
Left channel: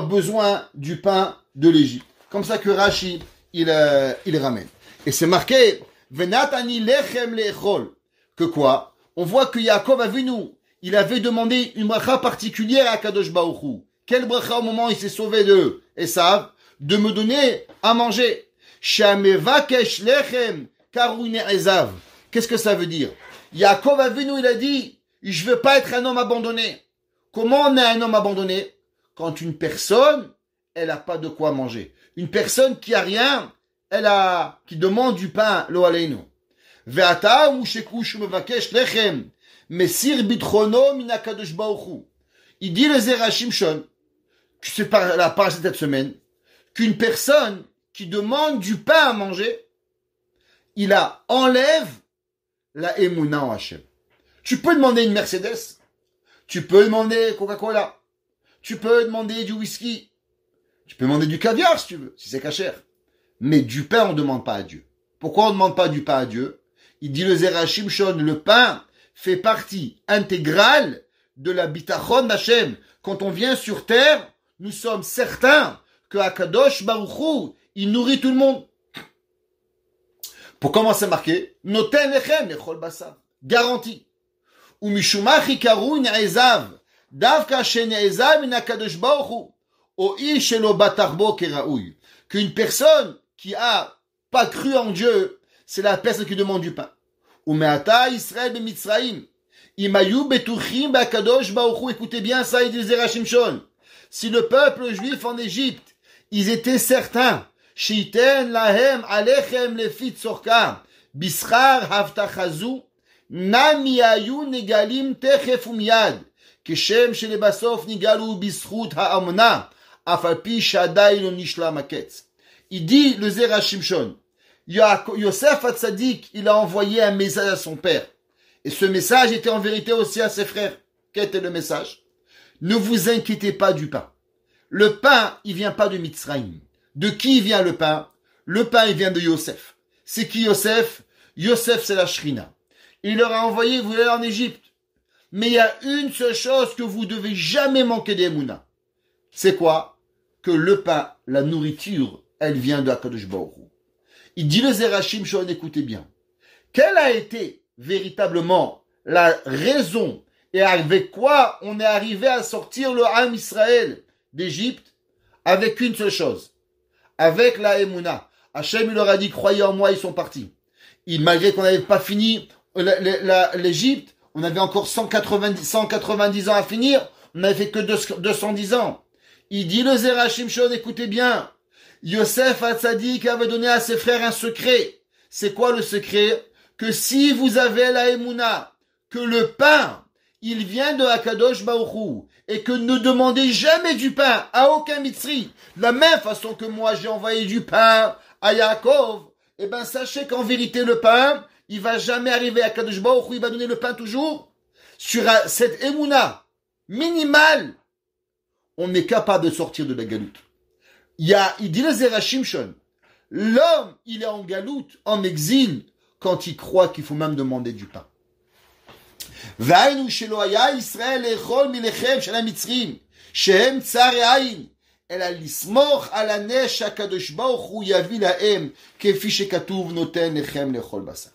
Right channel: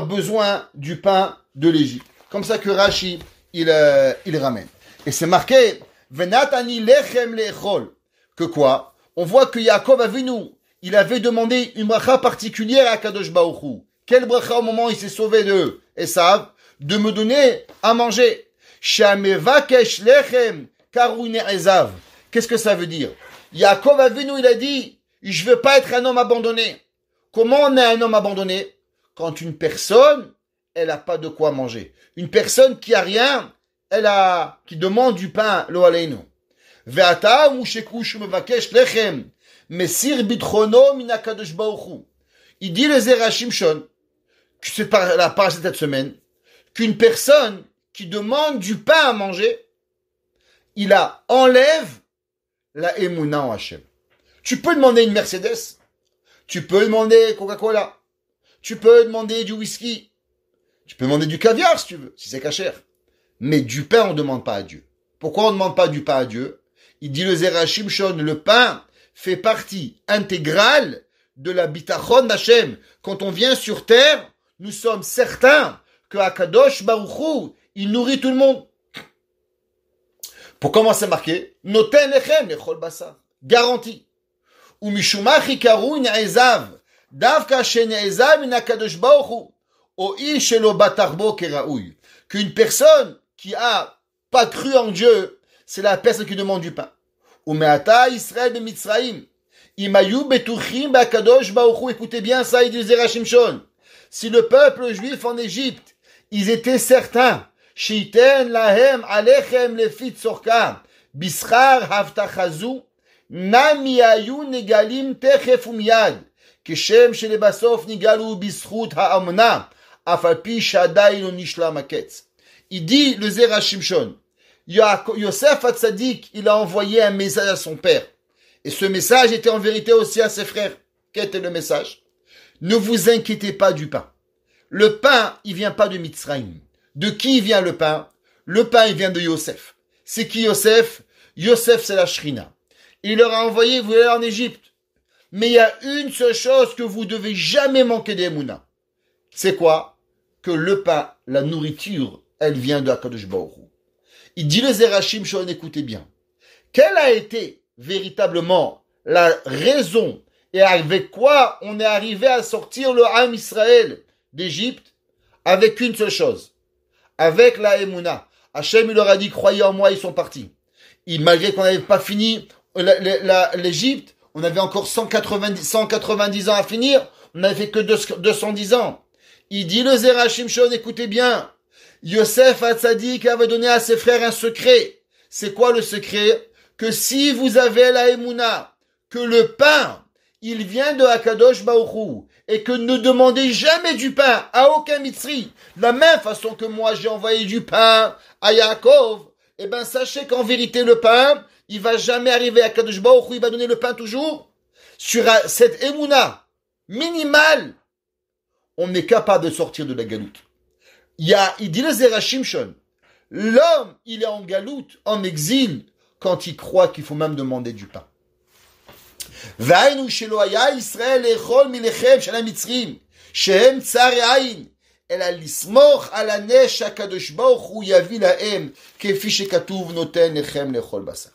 besoin du pain de l'Égypte. Comme ça que Rashi il ramène. Et c'est marqué Venatani lechem lechol. Que quoi? On voit que Yaakov Avinu, il avait demandé une bracha particulière à Kadosh Baruch Hu. Quelle bracha au moment où il s'est sauvé de Esav? De me donner à manger. Shamevakesh lechem karuine Esav. Qu'est-ce que ça veut dire? Yaakov Avinu, il a dit, je veux pas être un homme abandonné. Comment on est un homme abandonné? Quand une personne, elle a pas de quoi manger. Une personne qui a rien, qui demande du pain, lo aleinu. Ve'ata mushekush mevakesh lechem, mesir bitrono min hakadosh baruch hu. Il dit le Zera Shimshon, que c'est par la parasha de cette semaine, qu'une personne qui demande du pain à manger, il enlève la émouna en Hachem. Tu peux demander une Mercedes, tu peux demander Coca-Cola, tu peux demander du whisky, tu peux demander du caviar si tu veux, si c'est cachère. Mais du pain, on ne demande pas à Dieu. Pourquoi on ne demande pas du pain à Dieu? Il dit le Zera Shimshon, le pain fait partie intégrale de la bitachon d'Hachem. Quand on vient sur terre, nous sommes certains que Akadosh Baruch Hu, il nourrit tout le monde. Pour commencer à marquer, Noten lechem lechol basar. Garantie. Ou mishumach ikaru ne'ezav. Davka shene'ezav min Akadosh Baruch Hu. O ish shelo batarbo keraouy. Qu'une personne qui a pas cru en Dieu, c'est la personne qui demande du pain. Ou me'ata Israël b'Mitzrayim. Imayu betuchim ba'Akadosh Baruch Hu. Écoutez bien ça, il dit Zera Shimshon. Si le peuple juif en Égypte, ils étaient certains, Shiten lahem alechem lefit sorka, bischar havtachazu, nami ayu negalim techef umyad, keshem shelebasof nigalu bischut ha'amna, afapi shadai lo nishla maketz. Il dit le Zera Shimshon, Yosef Hatzadik, il a envoyé un message à son père. Et ce message était en vérité aussi à ses frères. Quel était le message? Ne vous inquiétez pas du pain. Le pain, il vient pas de Mitzrayim. De qui vient le pain? Le pain, il vient de Yosef. C'est qui Yosef? Yosef, c'est la Shrina. Il leur a envoyé, vous allez en Égypte. Mais il y a une seule chose que vous devez jamais manquer d'Emouna. C'est quoi? Que le pain, la nourriture, elle vient de Akadosh Baruch Hu. Il dit le Zera Shimshon, écoutez bien. Quelle a été véritablement la raison et avec quoi on est arrivé à sortir le Ham Israël d'Égypte? Avec une seule chose. avec la Emouna. Hachem, il leur a dit, croyez en moi, ils sont partis. Malgré qu'on n'avait pas fini l'Égypte, on avait encore 190 ans à finir, on n'avait fait que 210 ans. Il dit le Zera Shimshon, écoutez bien, Yosef Hatzadik avait donné à ses frères un secret. C'est quoi le secret? Que si vous avez la Emouna, que le pain, il vient de Akadosh Baruch Hu, et que ne demandez jamais du pain à aucun Mitzri, de la même façon que moi j'ai envoyé du pain à Yaakov, eh ben sachez qu'en vérité le pain, il va jamais arriver à Akadosh Baruch Hu, il va donner le pain toujours sur cette Emouna minimale. On est capable de sortir de la galoute. Il dit le Zera Shimshon, l'homme, il est en galoute, en exil, quand il croit qu'il faut même demander du pain. והיינו שלא היה ישראל לאכול מלחם של המצרים שהם צרי עין אלא לסמוך על הנס שהקדוש ברוך הוא יביא להם כפי שכתוב נותן לכם לאכול בשר.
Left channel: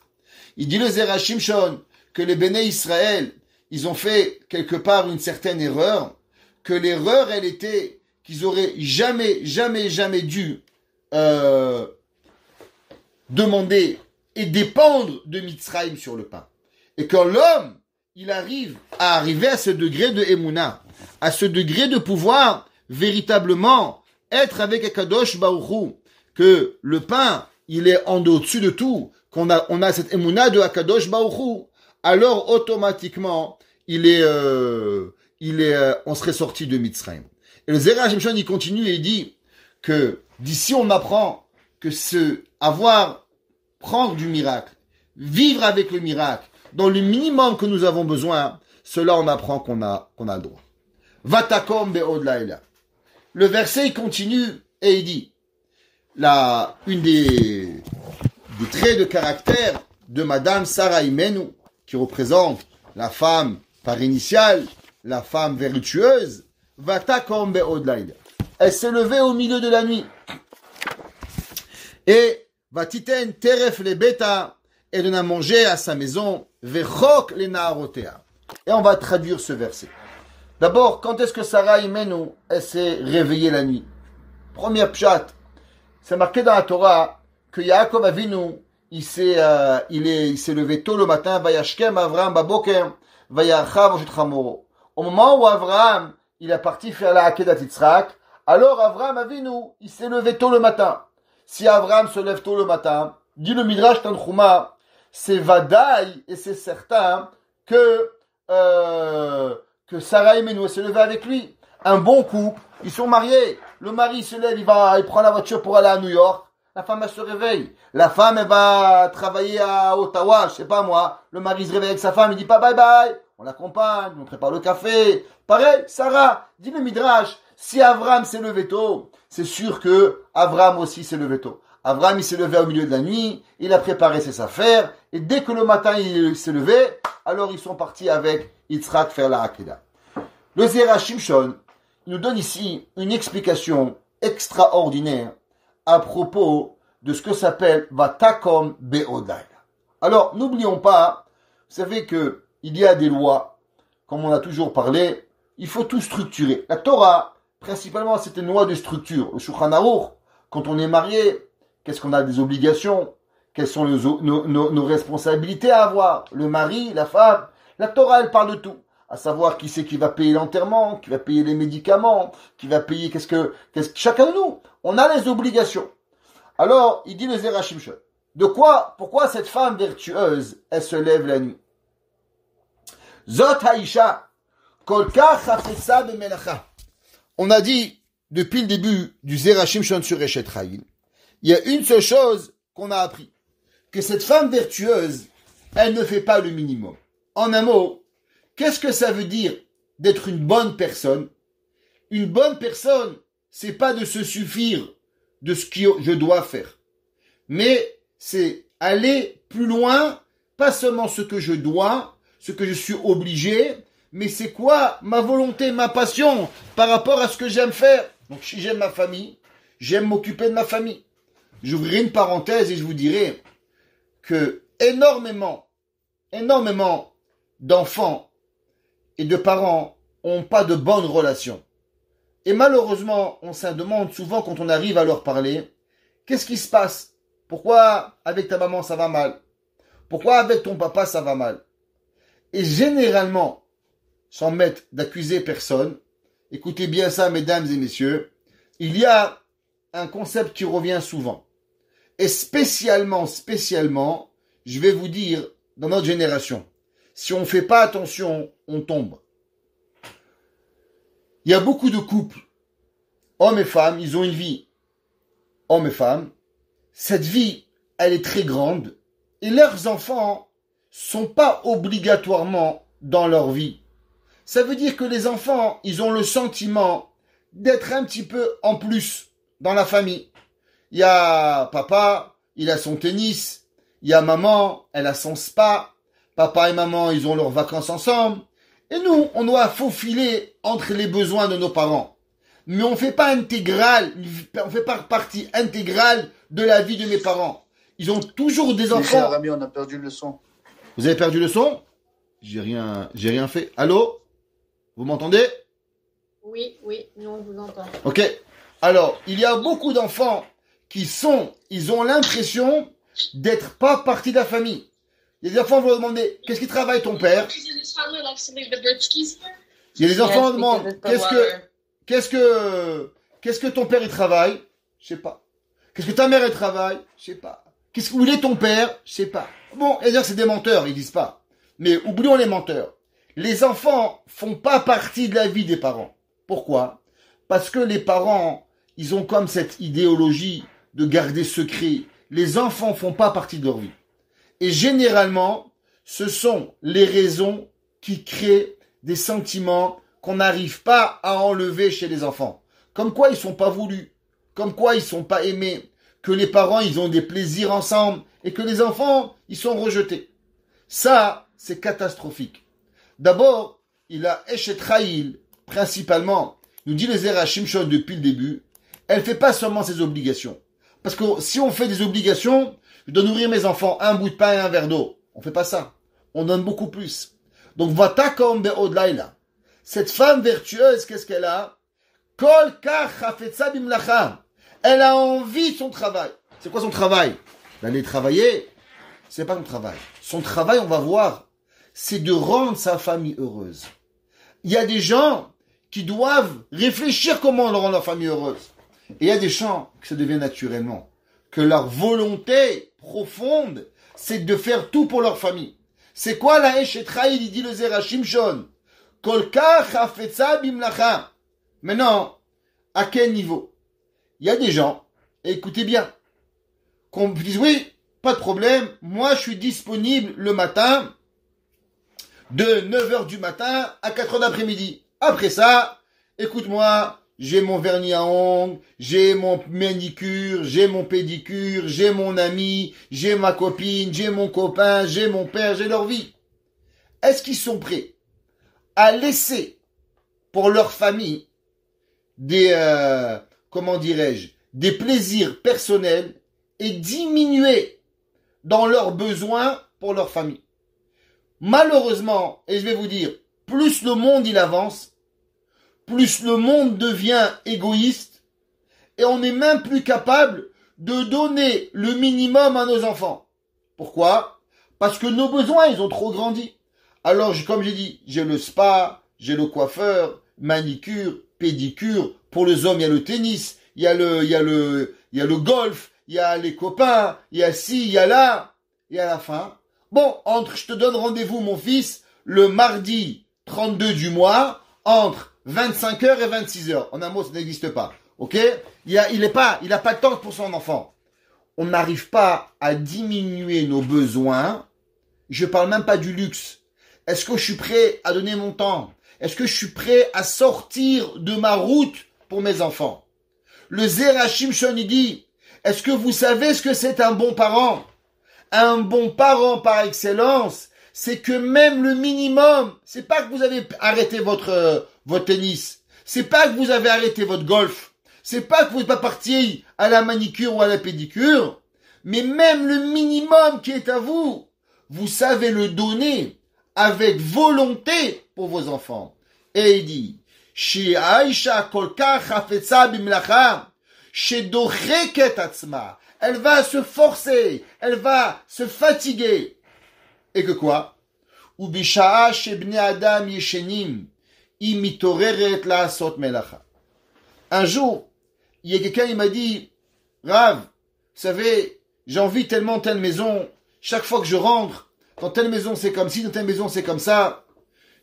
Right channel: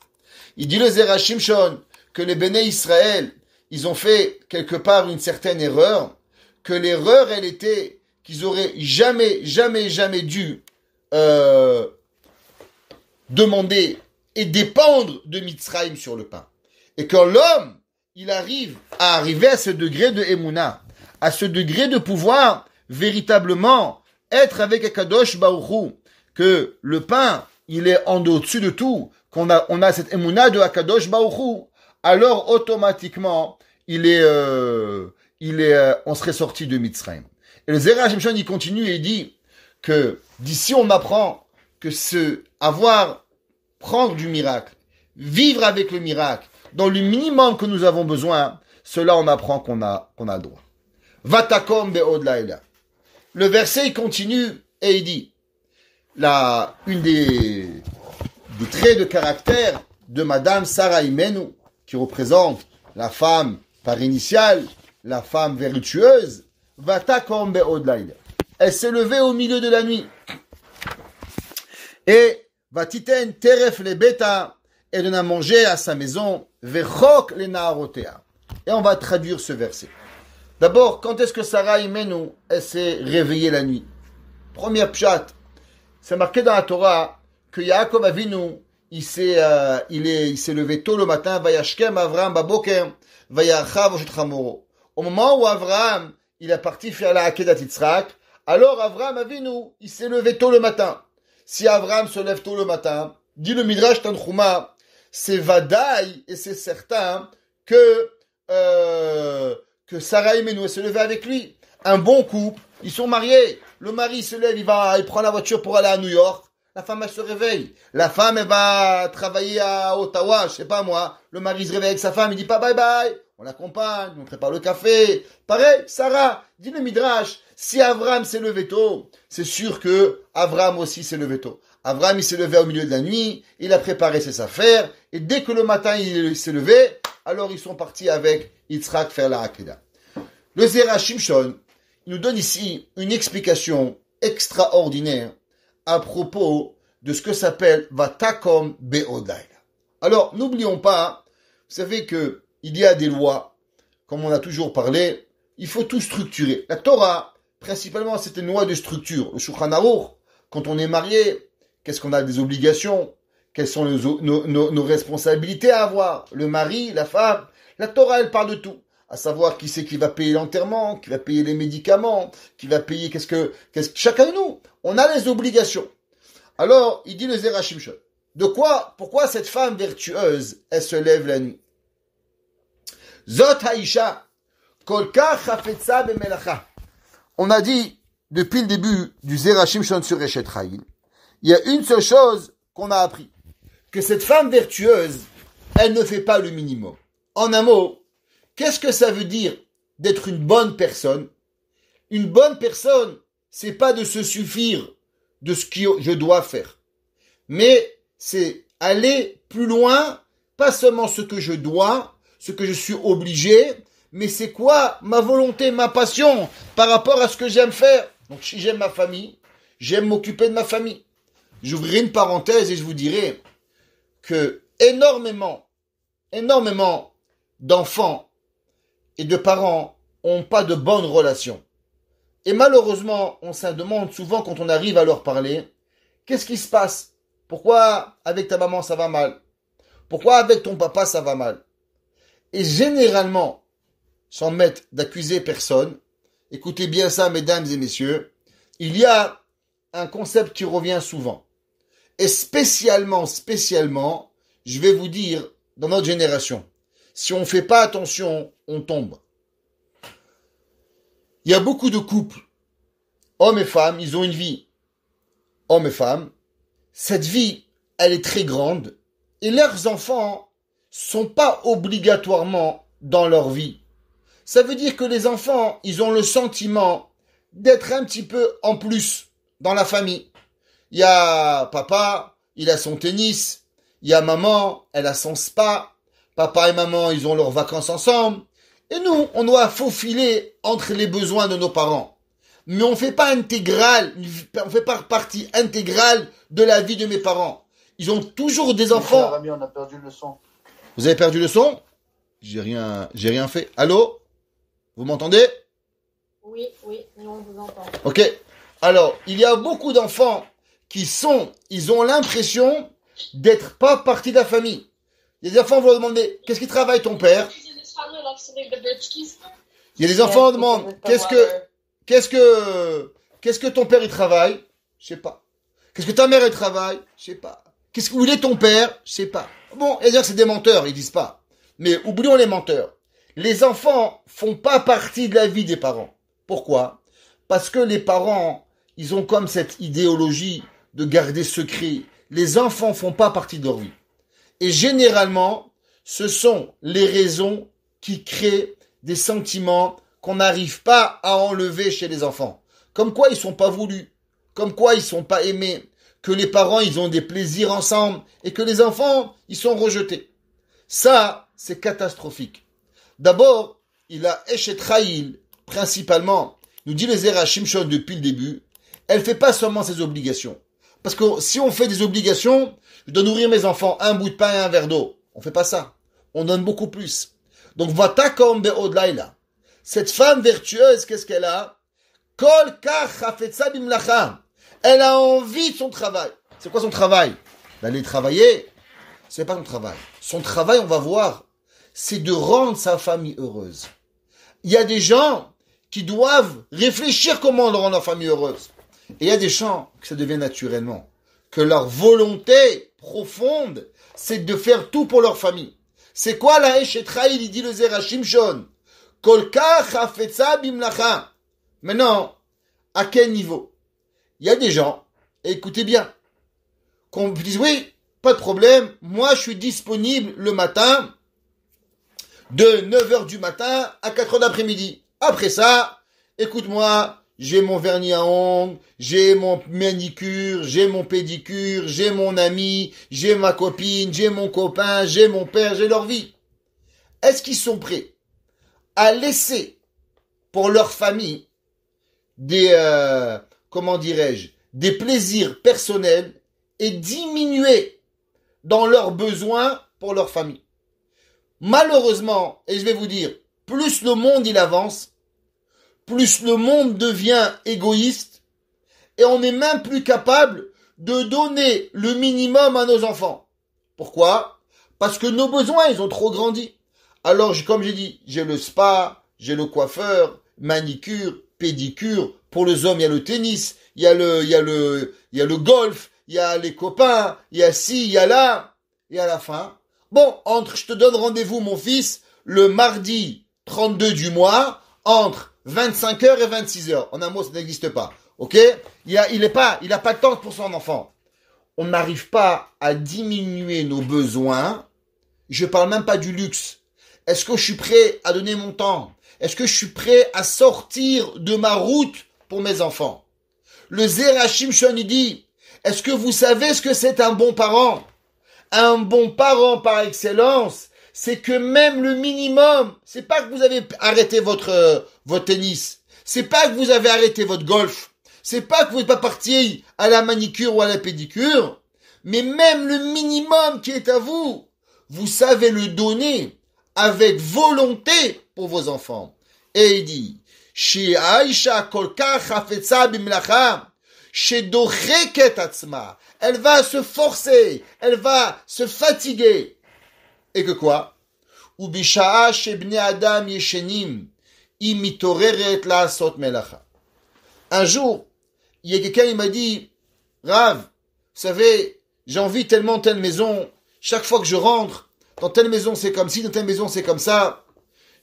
Il dit le Zera Shimshon que les béné Israël ils ont fait quelque part une certaine erreur, que l'erreur elle était qu'ils auraient jamais dû demander et dépendre de Mitzrayim sur le pain. Et quand l'homme il arrive à ce degré de Emouna, à ce degré de pouvoir véritablement être avec Akadosh Baruch Hu, que le pain, il est en au-dessus de tout, on a cette Emouna de Akadosh Baruch Hu, alors automatiquement, on serait sorti de Mitzrayim. Et le Zera Shimshon, il continue et il dit que d'ici on apprend que prendre du miracle, vivre avec le miracle, dans le minimum que nous avons besoin, cela on apprend qu'on a le droit. Vatakom be'od laila. Le verset il continue et il dit, une des traits de caractère de Madame Sarah Imenu, qui représente la femme par initiale, la femme vertueuse, Vatakom be'od laila. Elle s'est levée au milieu de la nuit. Et Vatiten teref le beta, elle en a mangé à sa maison, Vechok le naarotea. Et on va traduire ce verset. D'abord, quand est-ce que Sarah Imenu, elle s'est réveillée la nuit? Première pshat, c'est marqué dans la Torah que Yaakov Avinu, il s'est levé tôt le matin, Vayashkem Avraham Baboker, Vayachav Oshet Chamoro. Au moment où Avraham, il est parti faire la Akedat Yitzhak, alors Avraham Avinu, il s'est levé tôt le matin. Si Avraham se lève tôt le matin, dit le Midrash Tanchuma, c'est vadaï et c'est certain que Sarah Imenu se levait avec lui. Un bon couple, ils sont mariés. Le mari se lève, il prend la voiture pour aller à New York. La femme, elle se réveille. La femme, elle va travailler à Ottawa, je sais pas moi. Le mari se réveille avec sa femme, il dit pas bye bye. On l'accompagne, on prépare le café. Pareil, Sarah, dit le Midrash, si Avraham s'est levé tôt, c'est sûr que Avraham aussi s'est levé tôt. Avraham, il s'est levé au milieu de la nuit, il a préparé ses affaires, et dès que le matin il s'est levé, alors ils sont partis avec Yitzhak faire la Akedah. Le Zera Shimshon, il nous donne ici une explication extraordinaire à propos de ce que s'appelle Vatakom Be'odai. Alors, n'oublions pas, vous savez que il y a des lois, comme on a toujours parlé, il faut tout structurer. La Torah, principalement, c'est une loi de structure. Au Shulchan Aruch, quand on est marié, qu'est-ce qu'on a des obligations? Quelles sont nos responsabilités à avoir? Le mari, la femme. La Torah, elle parle de tout. À savoir qui c'est qui va payer l'enterrement, qui va payer les médicaments, qui va payer chacun de nous. On a les obligations. Alors, il dit le Zera Shimshon. Pourquoi cette femme vertueuse, elle se lève la nuit? Zot haisha, kolkach chafetza b'melacha. On a dit, depuis le début du Zera Shimshon sur Eshet Chayil, il y a une seule chose qu'on a appris. Que cette femme vertueuse, elle ne fait pas le minimum. En un mot, qu'est-ce que ça veut dire d'être une bonne personne? Une bonne personne, c'est pas de se suffire de ce que je dois faire. Mais c'est aller plus loin, pas seulement ce que je dois, ce que je suis obligé, mais c'est quoi ma volonté, ma passion par rapport à ce que j'aime faire. Donc si j'aime ma famille, j'aime m'occuper de ma famille. J'ouvrirai une parenthèse et je vous dirai que énormément d'enfants et de parents n'ont pas de bonnes relations Et malheureusement, on se demande souvent quand on arrive à leur parler, qu'est-ce qui se passe? Pourquoi avec ta maman ça va mal? Pourquoi avec ton papa ça va mal? Et généralement, sans mettre d'accuser personne, écoutez bien ça, mesdames et messieurs, il y a un concept qui revient souvent. Et spécialement, je vais vous dire, dans notre génération, si on ne fait pas attention, on tombe. Il y a beaucoup de couples, hommes et femmes, ils ont une vie, hommes et femmes. Cette vie, elle est très grande, et leurs enfants sont pas obligatoirement dans leur vie. Ça veut dire que les enfants, ils ont le sentiment d'être un petit peu en plus dans la famille. Il y a papa, il a son tennis. Il y a maman, elle a son spa. Papa et maman, ils ont leurs vacances ensemble. Et nous, on doit faufiler entre les besoins de nos parents. Mais on fait pas partie intégrale de la vie de mes parents. Ils ont toujours des enfants. Cher ami, on a perdu le son. Vous avez perdu le son? J'ai rien fait. Allô? Vous m'entendez? Oui, nous on vous entend. Ok. Alors, il y a beaucoup d'enfants ils ont l'impression d'être pas partie de la famille. Les enfants vont demander, qu'est-ce qui travaille ton père? Il y a des enfants qui demandent, qu'est-ce que ton père il travaille? Je sais pas. Qu'est-ce que ta mère elle travaille? Je sais pas. Où il est ton père? Je sais pas. Bon, et dire c'est des menteurs, ils disent pas. Mais oublions les menteurs. Les enfants font pas partie de la vie des parents. Pourquoi? Parce que les parents, ils ont comme cette idéologie de garder secret. Les enfants font pas partie de leur vie. Et généralement, ce sont les raisons qui créent des sentiments qu'on n'arrive pas à enlever chez les enfants. Comme quoi ils sont pas voulus. Comme quoi ils sont pas aimés. Que les parents, ils ont des plaisirs ensemble. Et que les enfants, ils sont rejetés. Ça, c'est catastrophique. D'abord, il a Eshet Chayil, principalement, nous dit les Zera Shimshon depuis le début, elle fait pas seulement ses obligations. Parce que si on fait des obligations, je dois nourrir mes enfants un bout de pain et un verre d'eau. On fait pas ça. On donne beaucoup plus. Donc, Vatakom Be'od Laila. Cette femme vertueuse, qu'est-ce qu'elle a? Kol Kach Chafetza Bimlacha. Elle a envie de son travail. C'est quoi son travail? D'aller travailler. C'est pas son travail. Son travail, on va voir, c'est de rendre sa famille heureuse. Il y a des gens qui doivent réfléchir comment rendre leur famille heureuse. Et il y a des gens que ça devient naturellement. Que leur volonté profonde, c'est de faire tout pour leur famille. C'est quoi la Eshet Chayil, il dit le Zera Shimshon? Kolka chafetza bimlacha. Maintenant, à quel niveau? Il y a des gens, écoutez bien, qu'on dise oui, pas de problème, moi je suis disponible le matin, de 9h du matin à 4h d'après-midi. Après ça, écoute-moi, j'ai mon vernis à ongles, j'ai mon manicure, j'ai mon pédicure, j'ai mon ami, j'ai ma copine, j'ai mon copain, j'ai mon père, j'ai leur vie. Est-ce qu'ils sont prêts à laisser pour leur famille des, comment dirais-je, des plaisirs personnels et diminuer dans leurs besoins pour leur famille? Malheureusement, et je vais vous dire, plus le monde il avance, plus le monde devient égoïste et on n'est même plus capable de donner le minimum à nos enfants. Pourquoi? Parce que nos besoins, ils ont trop grandi. Alors, comme j'ai dit, j'ai le spa, j'ai le coiffeur, manicure, pédicure. Pour les hommes, il y a le tennis, il y a le golf, il y a les copains, il y a ci, il y a là. Et à la fin, bon, je te donne rendez-vous, mon fils, le mardi 32 du mois, entre 25h et 26h. En un mot, ça n'existe pas. Ok? Il a pas de temps pour son enfant. On n'arrive pas à diminuer nos besoins. Je parle même pas du luxe. Est-ce que je suis prêt à donner mon temps? Est-ce que je suis prêt à sortir de ma route pour mes enfants? Le Zera Shimshon, il dit, est-ce que vous savez ce que c'est un bon parent? Un bon parent par excellence, c'est que même le minimum, c'est pas que vous avez arrêté votre tennis, c'est pas que vous avez arrêté votre golf, c'est pas que vous n'êtes pas parti à la manicure ou à la pédicure, mais même le minimum qui est à vous, vous savez le donner avec volonté pour vos enfants. Et il dit, שהאישה כל כך חפצה במלאכה, שדוחקת עצמה. Elle va se forcer, elle va se fatiguer. Et que quoi? ובשעה שבני אדם ישנים, היא מתעוררת לעשות מלאכה. Un jour, il y a quelqu'un qui m'a dit, Rav, vous savez, j'ai envie tellement telle maison, chaque fois que je rentre, dans telle maison c'est comme ci, dans telle maison c'est comme ça.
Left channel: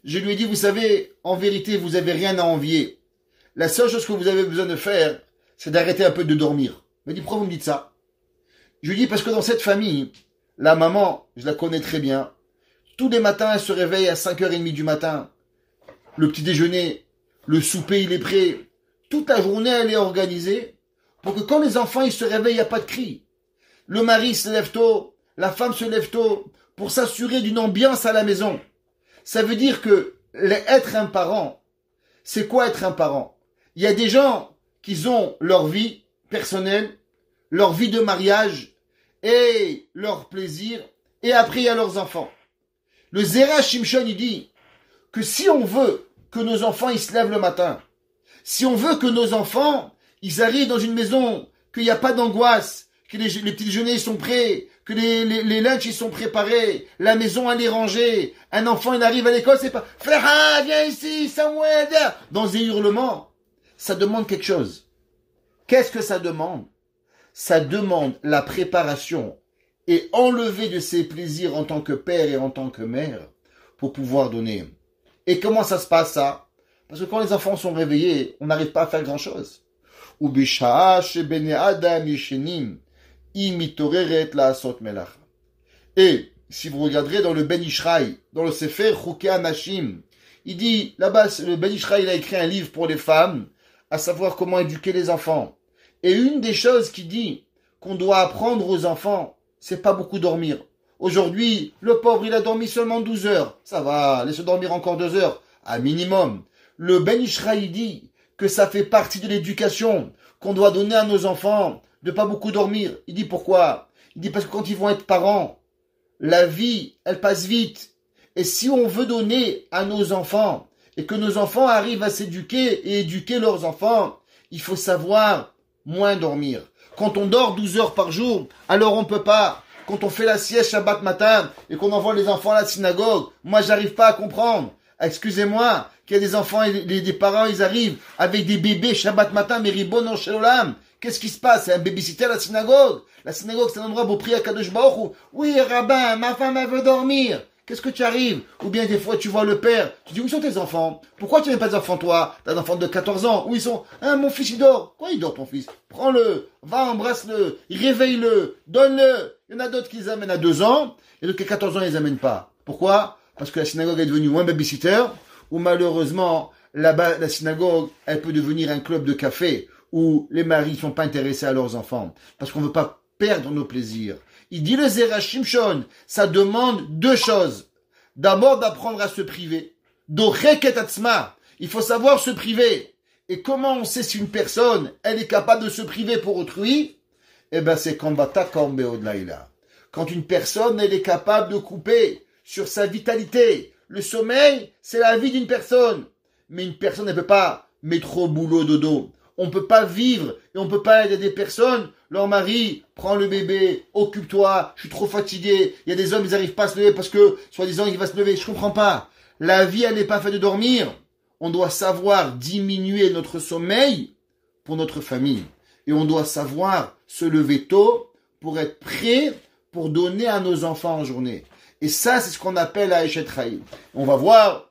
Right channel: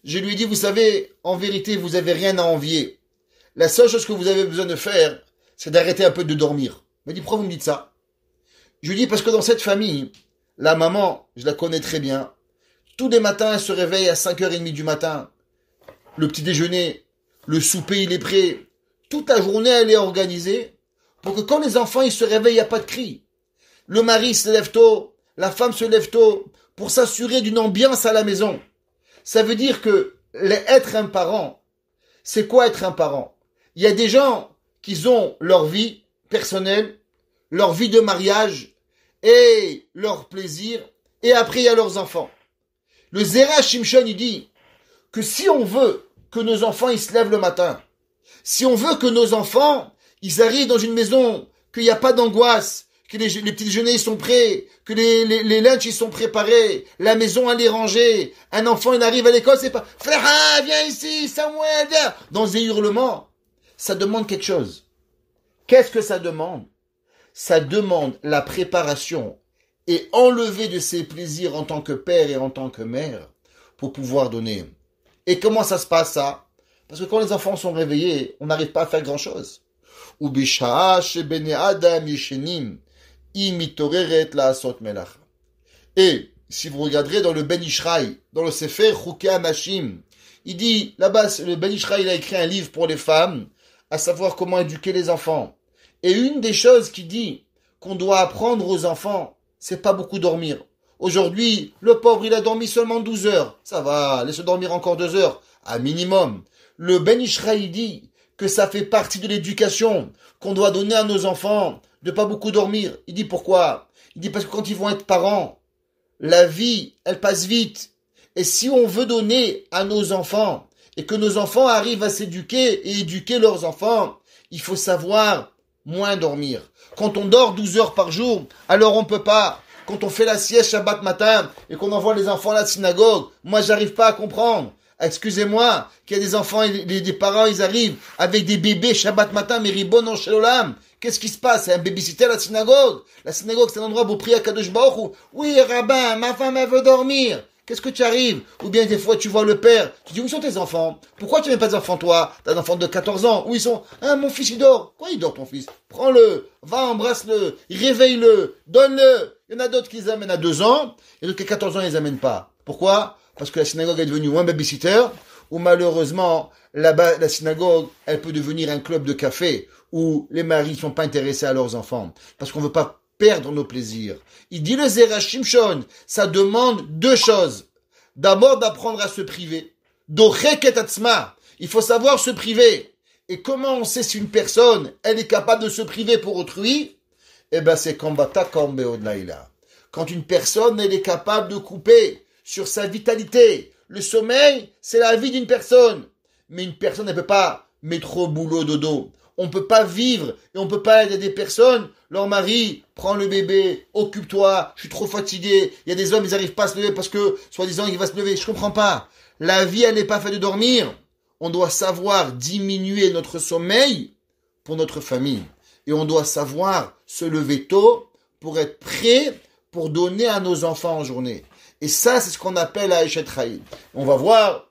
Je lui ai dit, vous savez, en vérité, vous n'avez rien à envier. La seule chose que vous avez besoin de faire, c'est d'arrêter un peu de dormir. Il m'a dit, pourquoi vous me dites ça? Je lui dis, parce que dans cette famille, la maman, je la connais très bien. Tous les matins, elle se réveille à 5h30 du matin. Le petit déjeuner, le souper, il est prêt. Toute la journée, elle est organisée pour que quand les enfants ils se réveillent, il n'y a pas de cri. Le mari se lève tôt, la femme se lève tôt pour s'assurer d'une ambiance à la maison. Ça veut dire que être un parent, c'est quoi être un parent? Il y a des gens qui ont leur vie personnelle, leur vie de mariage et leur plaisir, et après il y a leurs enfants. Le Zera Shimshon, il dit que si on veut que nos enfants ils se lèvent le matin, si on veut que nos enfants ils arrivent dans une maison, qu'il n'y a pas d'angoisse, que les petits déjeuners ils sont prêts, que les lunchs ils sont préparés, la maison elle est rangée, un enfant il arrive à l'école, c'est pas « Frère, viens ici, Samuel, viens !» Dans des hurlements, ça demande quelque chose. Qu'est-ce que ça demande? Ça demande la préparation et enlever de ses plaisirs en tant que père et en tant que mère pour pouvoir donner. Et comment ça se passe ça? Parce que quand les enfants sont réveillés, on n'arrive pas à faire grand-chose. Et si vous regarderez dans le Ben Ishraï, dans le Sefer Chukei Anashim, il dit, là-bas, le Ben Ishraï il a écrit un livre pour les femmes, à savoir comment éduquer les enfants. Et une des choses qu'il dit qu'on doit apprendre aux enfants, c'est pas beaucoup dormir. Aujourd'hui, le pauvre, il a dormi seulement 12 heures. Ça va, laisse dormir encore 2 heures, à minimum. Le Ben Ishraï dit que ça fait partie de l'éducation qu'on doit donner à nos enfants, de pas beaucoup dormir. Il dit pourquoi? Il dit parce que quand ils vont être parents, la vie, elle passe vite. Et si on veut donner à nos enfants, et que nos enfants arrivent à s'éduquer et éduquer leurs enfants, il faut savoir moins dormir. Quand on dort 12 heures par jour, alors on peut pas. Quand on fait la sieste Shabbat matin et qu'on envoie les enfants à la synagogue, moi j'arrive pas à comprendre. Excusez-moi, qu'il y a des enfants et des parents, ils arrivent avec des bébés Shabbat matin, mais Ribono Shel Olam. Qu'est-ce qui se passe? C'est un babysitter à la synagogue. La synagogue, c'est un endroit où on prie à Kadosh Baruch Hu. Oui, rabbin, ma femme, elle veut dormir. Qu'est-ce que tu arrives? Ou bien des fois, tu vois le père. Tu dis, où sont tes enfants? Pourquoi tu n'as pas des enfants, toi? T'as un enfant de 14 ans. Où ils sont? Ah, mon fils, il dort. Quoi, il dort, ton fils? Prends-le, va, embrasse-le, réveille-le, donne-le. Il y en a d'autres qui les amènent à 2 ans, et d'autres qui à 14 ans, ils les amènent pas. Pourquoi? Parce que la synagogue est devenue un babysitter, ou malheureusement, là-bas, la synagogue, elle peut devenir un club de café, où les maris ne sont pas intéressés à leurs enfants. Parce qu'on ne veut pas perdre nos plaisirs. Il dit le Zera Shimshon, ça demande 2 choses. D'abord, d'apprendre à se priver. Docheket atzma. Il faut savoir se priver. Et comment on sait si une personne, elle est capable de se priver pour autrui? Eh ben, c'est quand une personne, elle est capable de couper sur sa vitalité. Le sommeil, c'est la vie d'une personne. Mais une personne ne peut pas mettre au boulot dodo. On ne peut pas vivre et on ne peut pas aider des personnes. Leur mari, prends le bébé, occupe-toi, je suis trop fatigué. Il y a des hommes, ils n'arrivent pas à se lever parce que, soi-disant, il va se lever. Je ne comprends pas. La vie, elle n'est pas faite de dormir. On doit savoir diminuer notre sommeil pour notre famille. Et on doit savoir se lever tôt pour être prêt pour donner à nos enfants en journée. Et ça, c'est ce qu'on appelle la Eshet Chaim. On va voir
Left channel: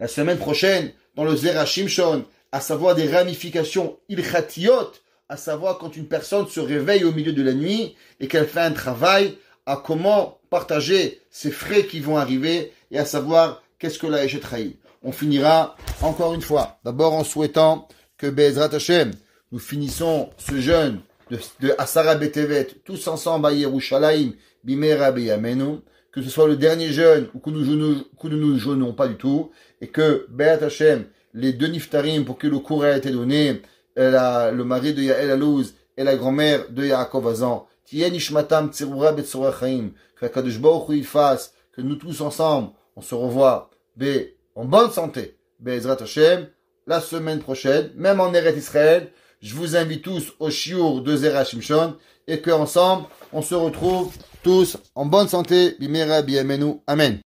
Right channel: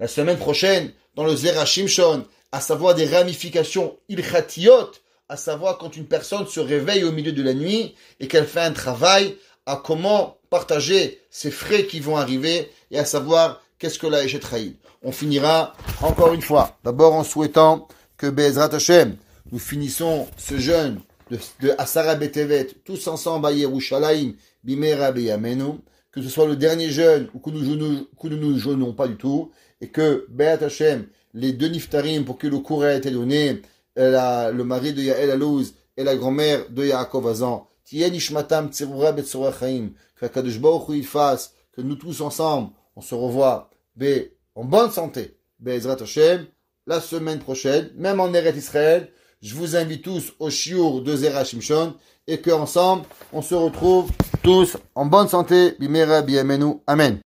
la semaine prochaine dans le Zera Shimshon, à savoir des ramifications ilchatiot, à savoir quand une personne se réveille au milieu de la nuit et qu'elle fait un travail, à comment partager ces frais qui vont arriver et à savoir qu'est-ce que la Eshet Chaim. On finira encore une fois, d'abord en souhaitant que Be'ezrat Hashem, nous finissons ce jeûne de Asara Betevet, tous ensemble à Yerushalayim, Bimera Beyamenu, que ce soit le dernier jeûne ou que nous ne jeûnons pas du tout, et que Be'ezrat Hashem, les 2 niftarim pour que le cours ait été donné, le mari de Yael Alouz et la grand-mère de Yaakov Azan, Tien Ishmatam Tserura Betsora Chaim, que Kadosh Baruch Hu il fasse, que nous tous ensemble, on se revoit en bonne santé, Be'ezrat Hashem, la semaine prochaine, même en Eretz Israël, je vous invite tous au shiur de Zera Shimshon et qu'ensemble, on se retrouve tous en bonne santé. Bimera Biamenu. Amen.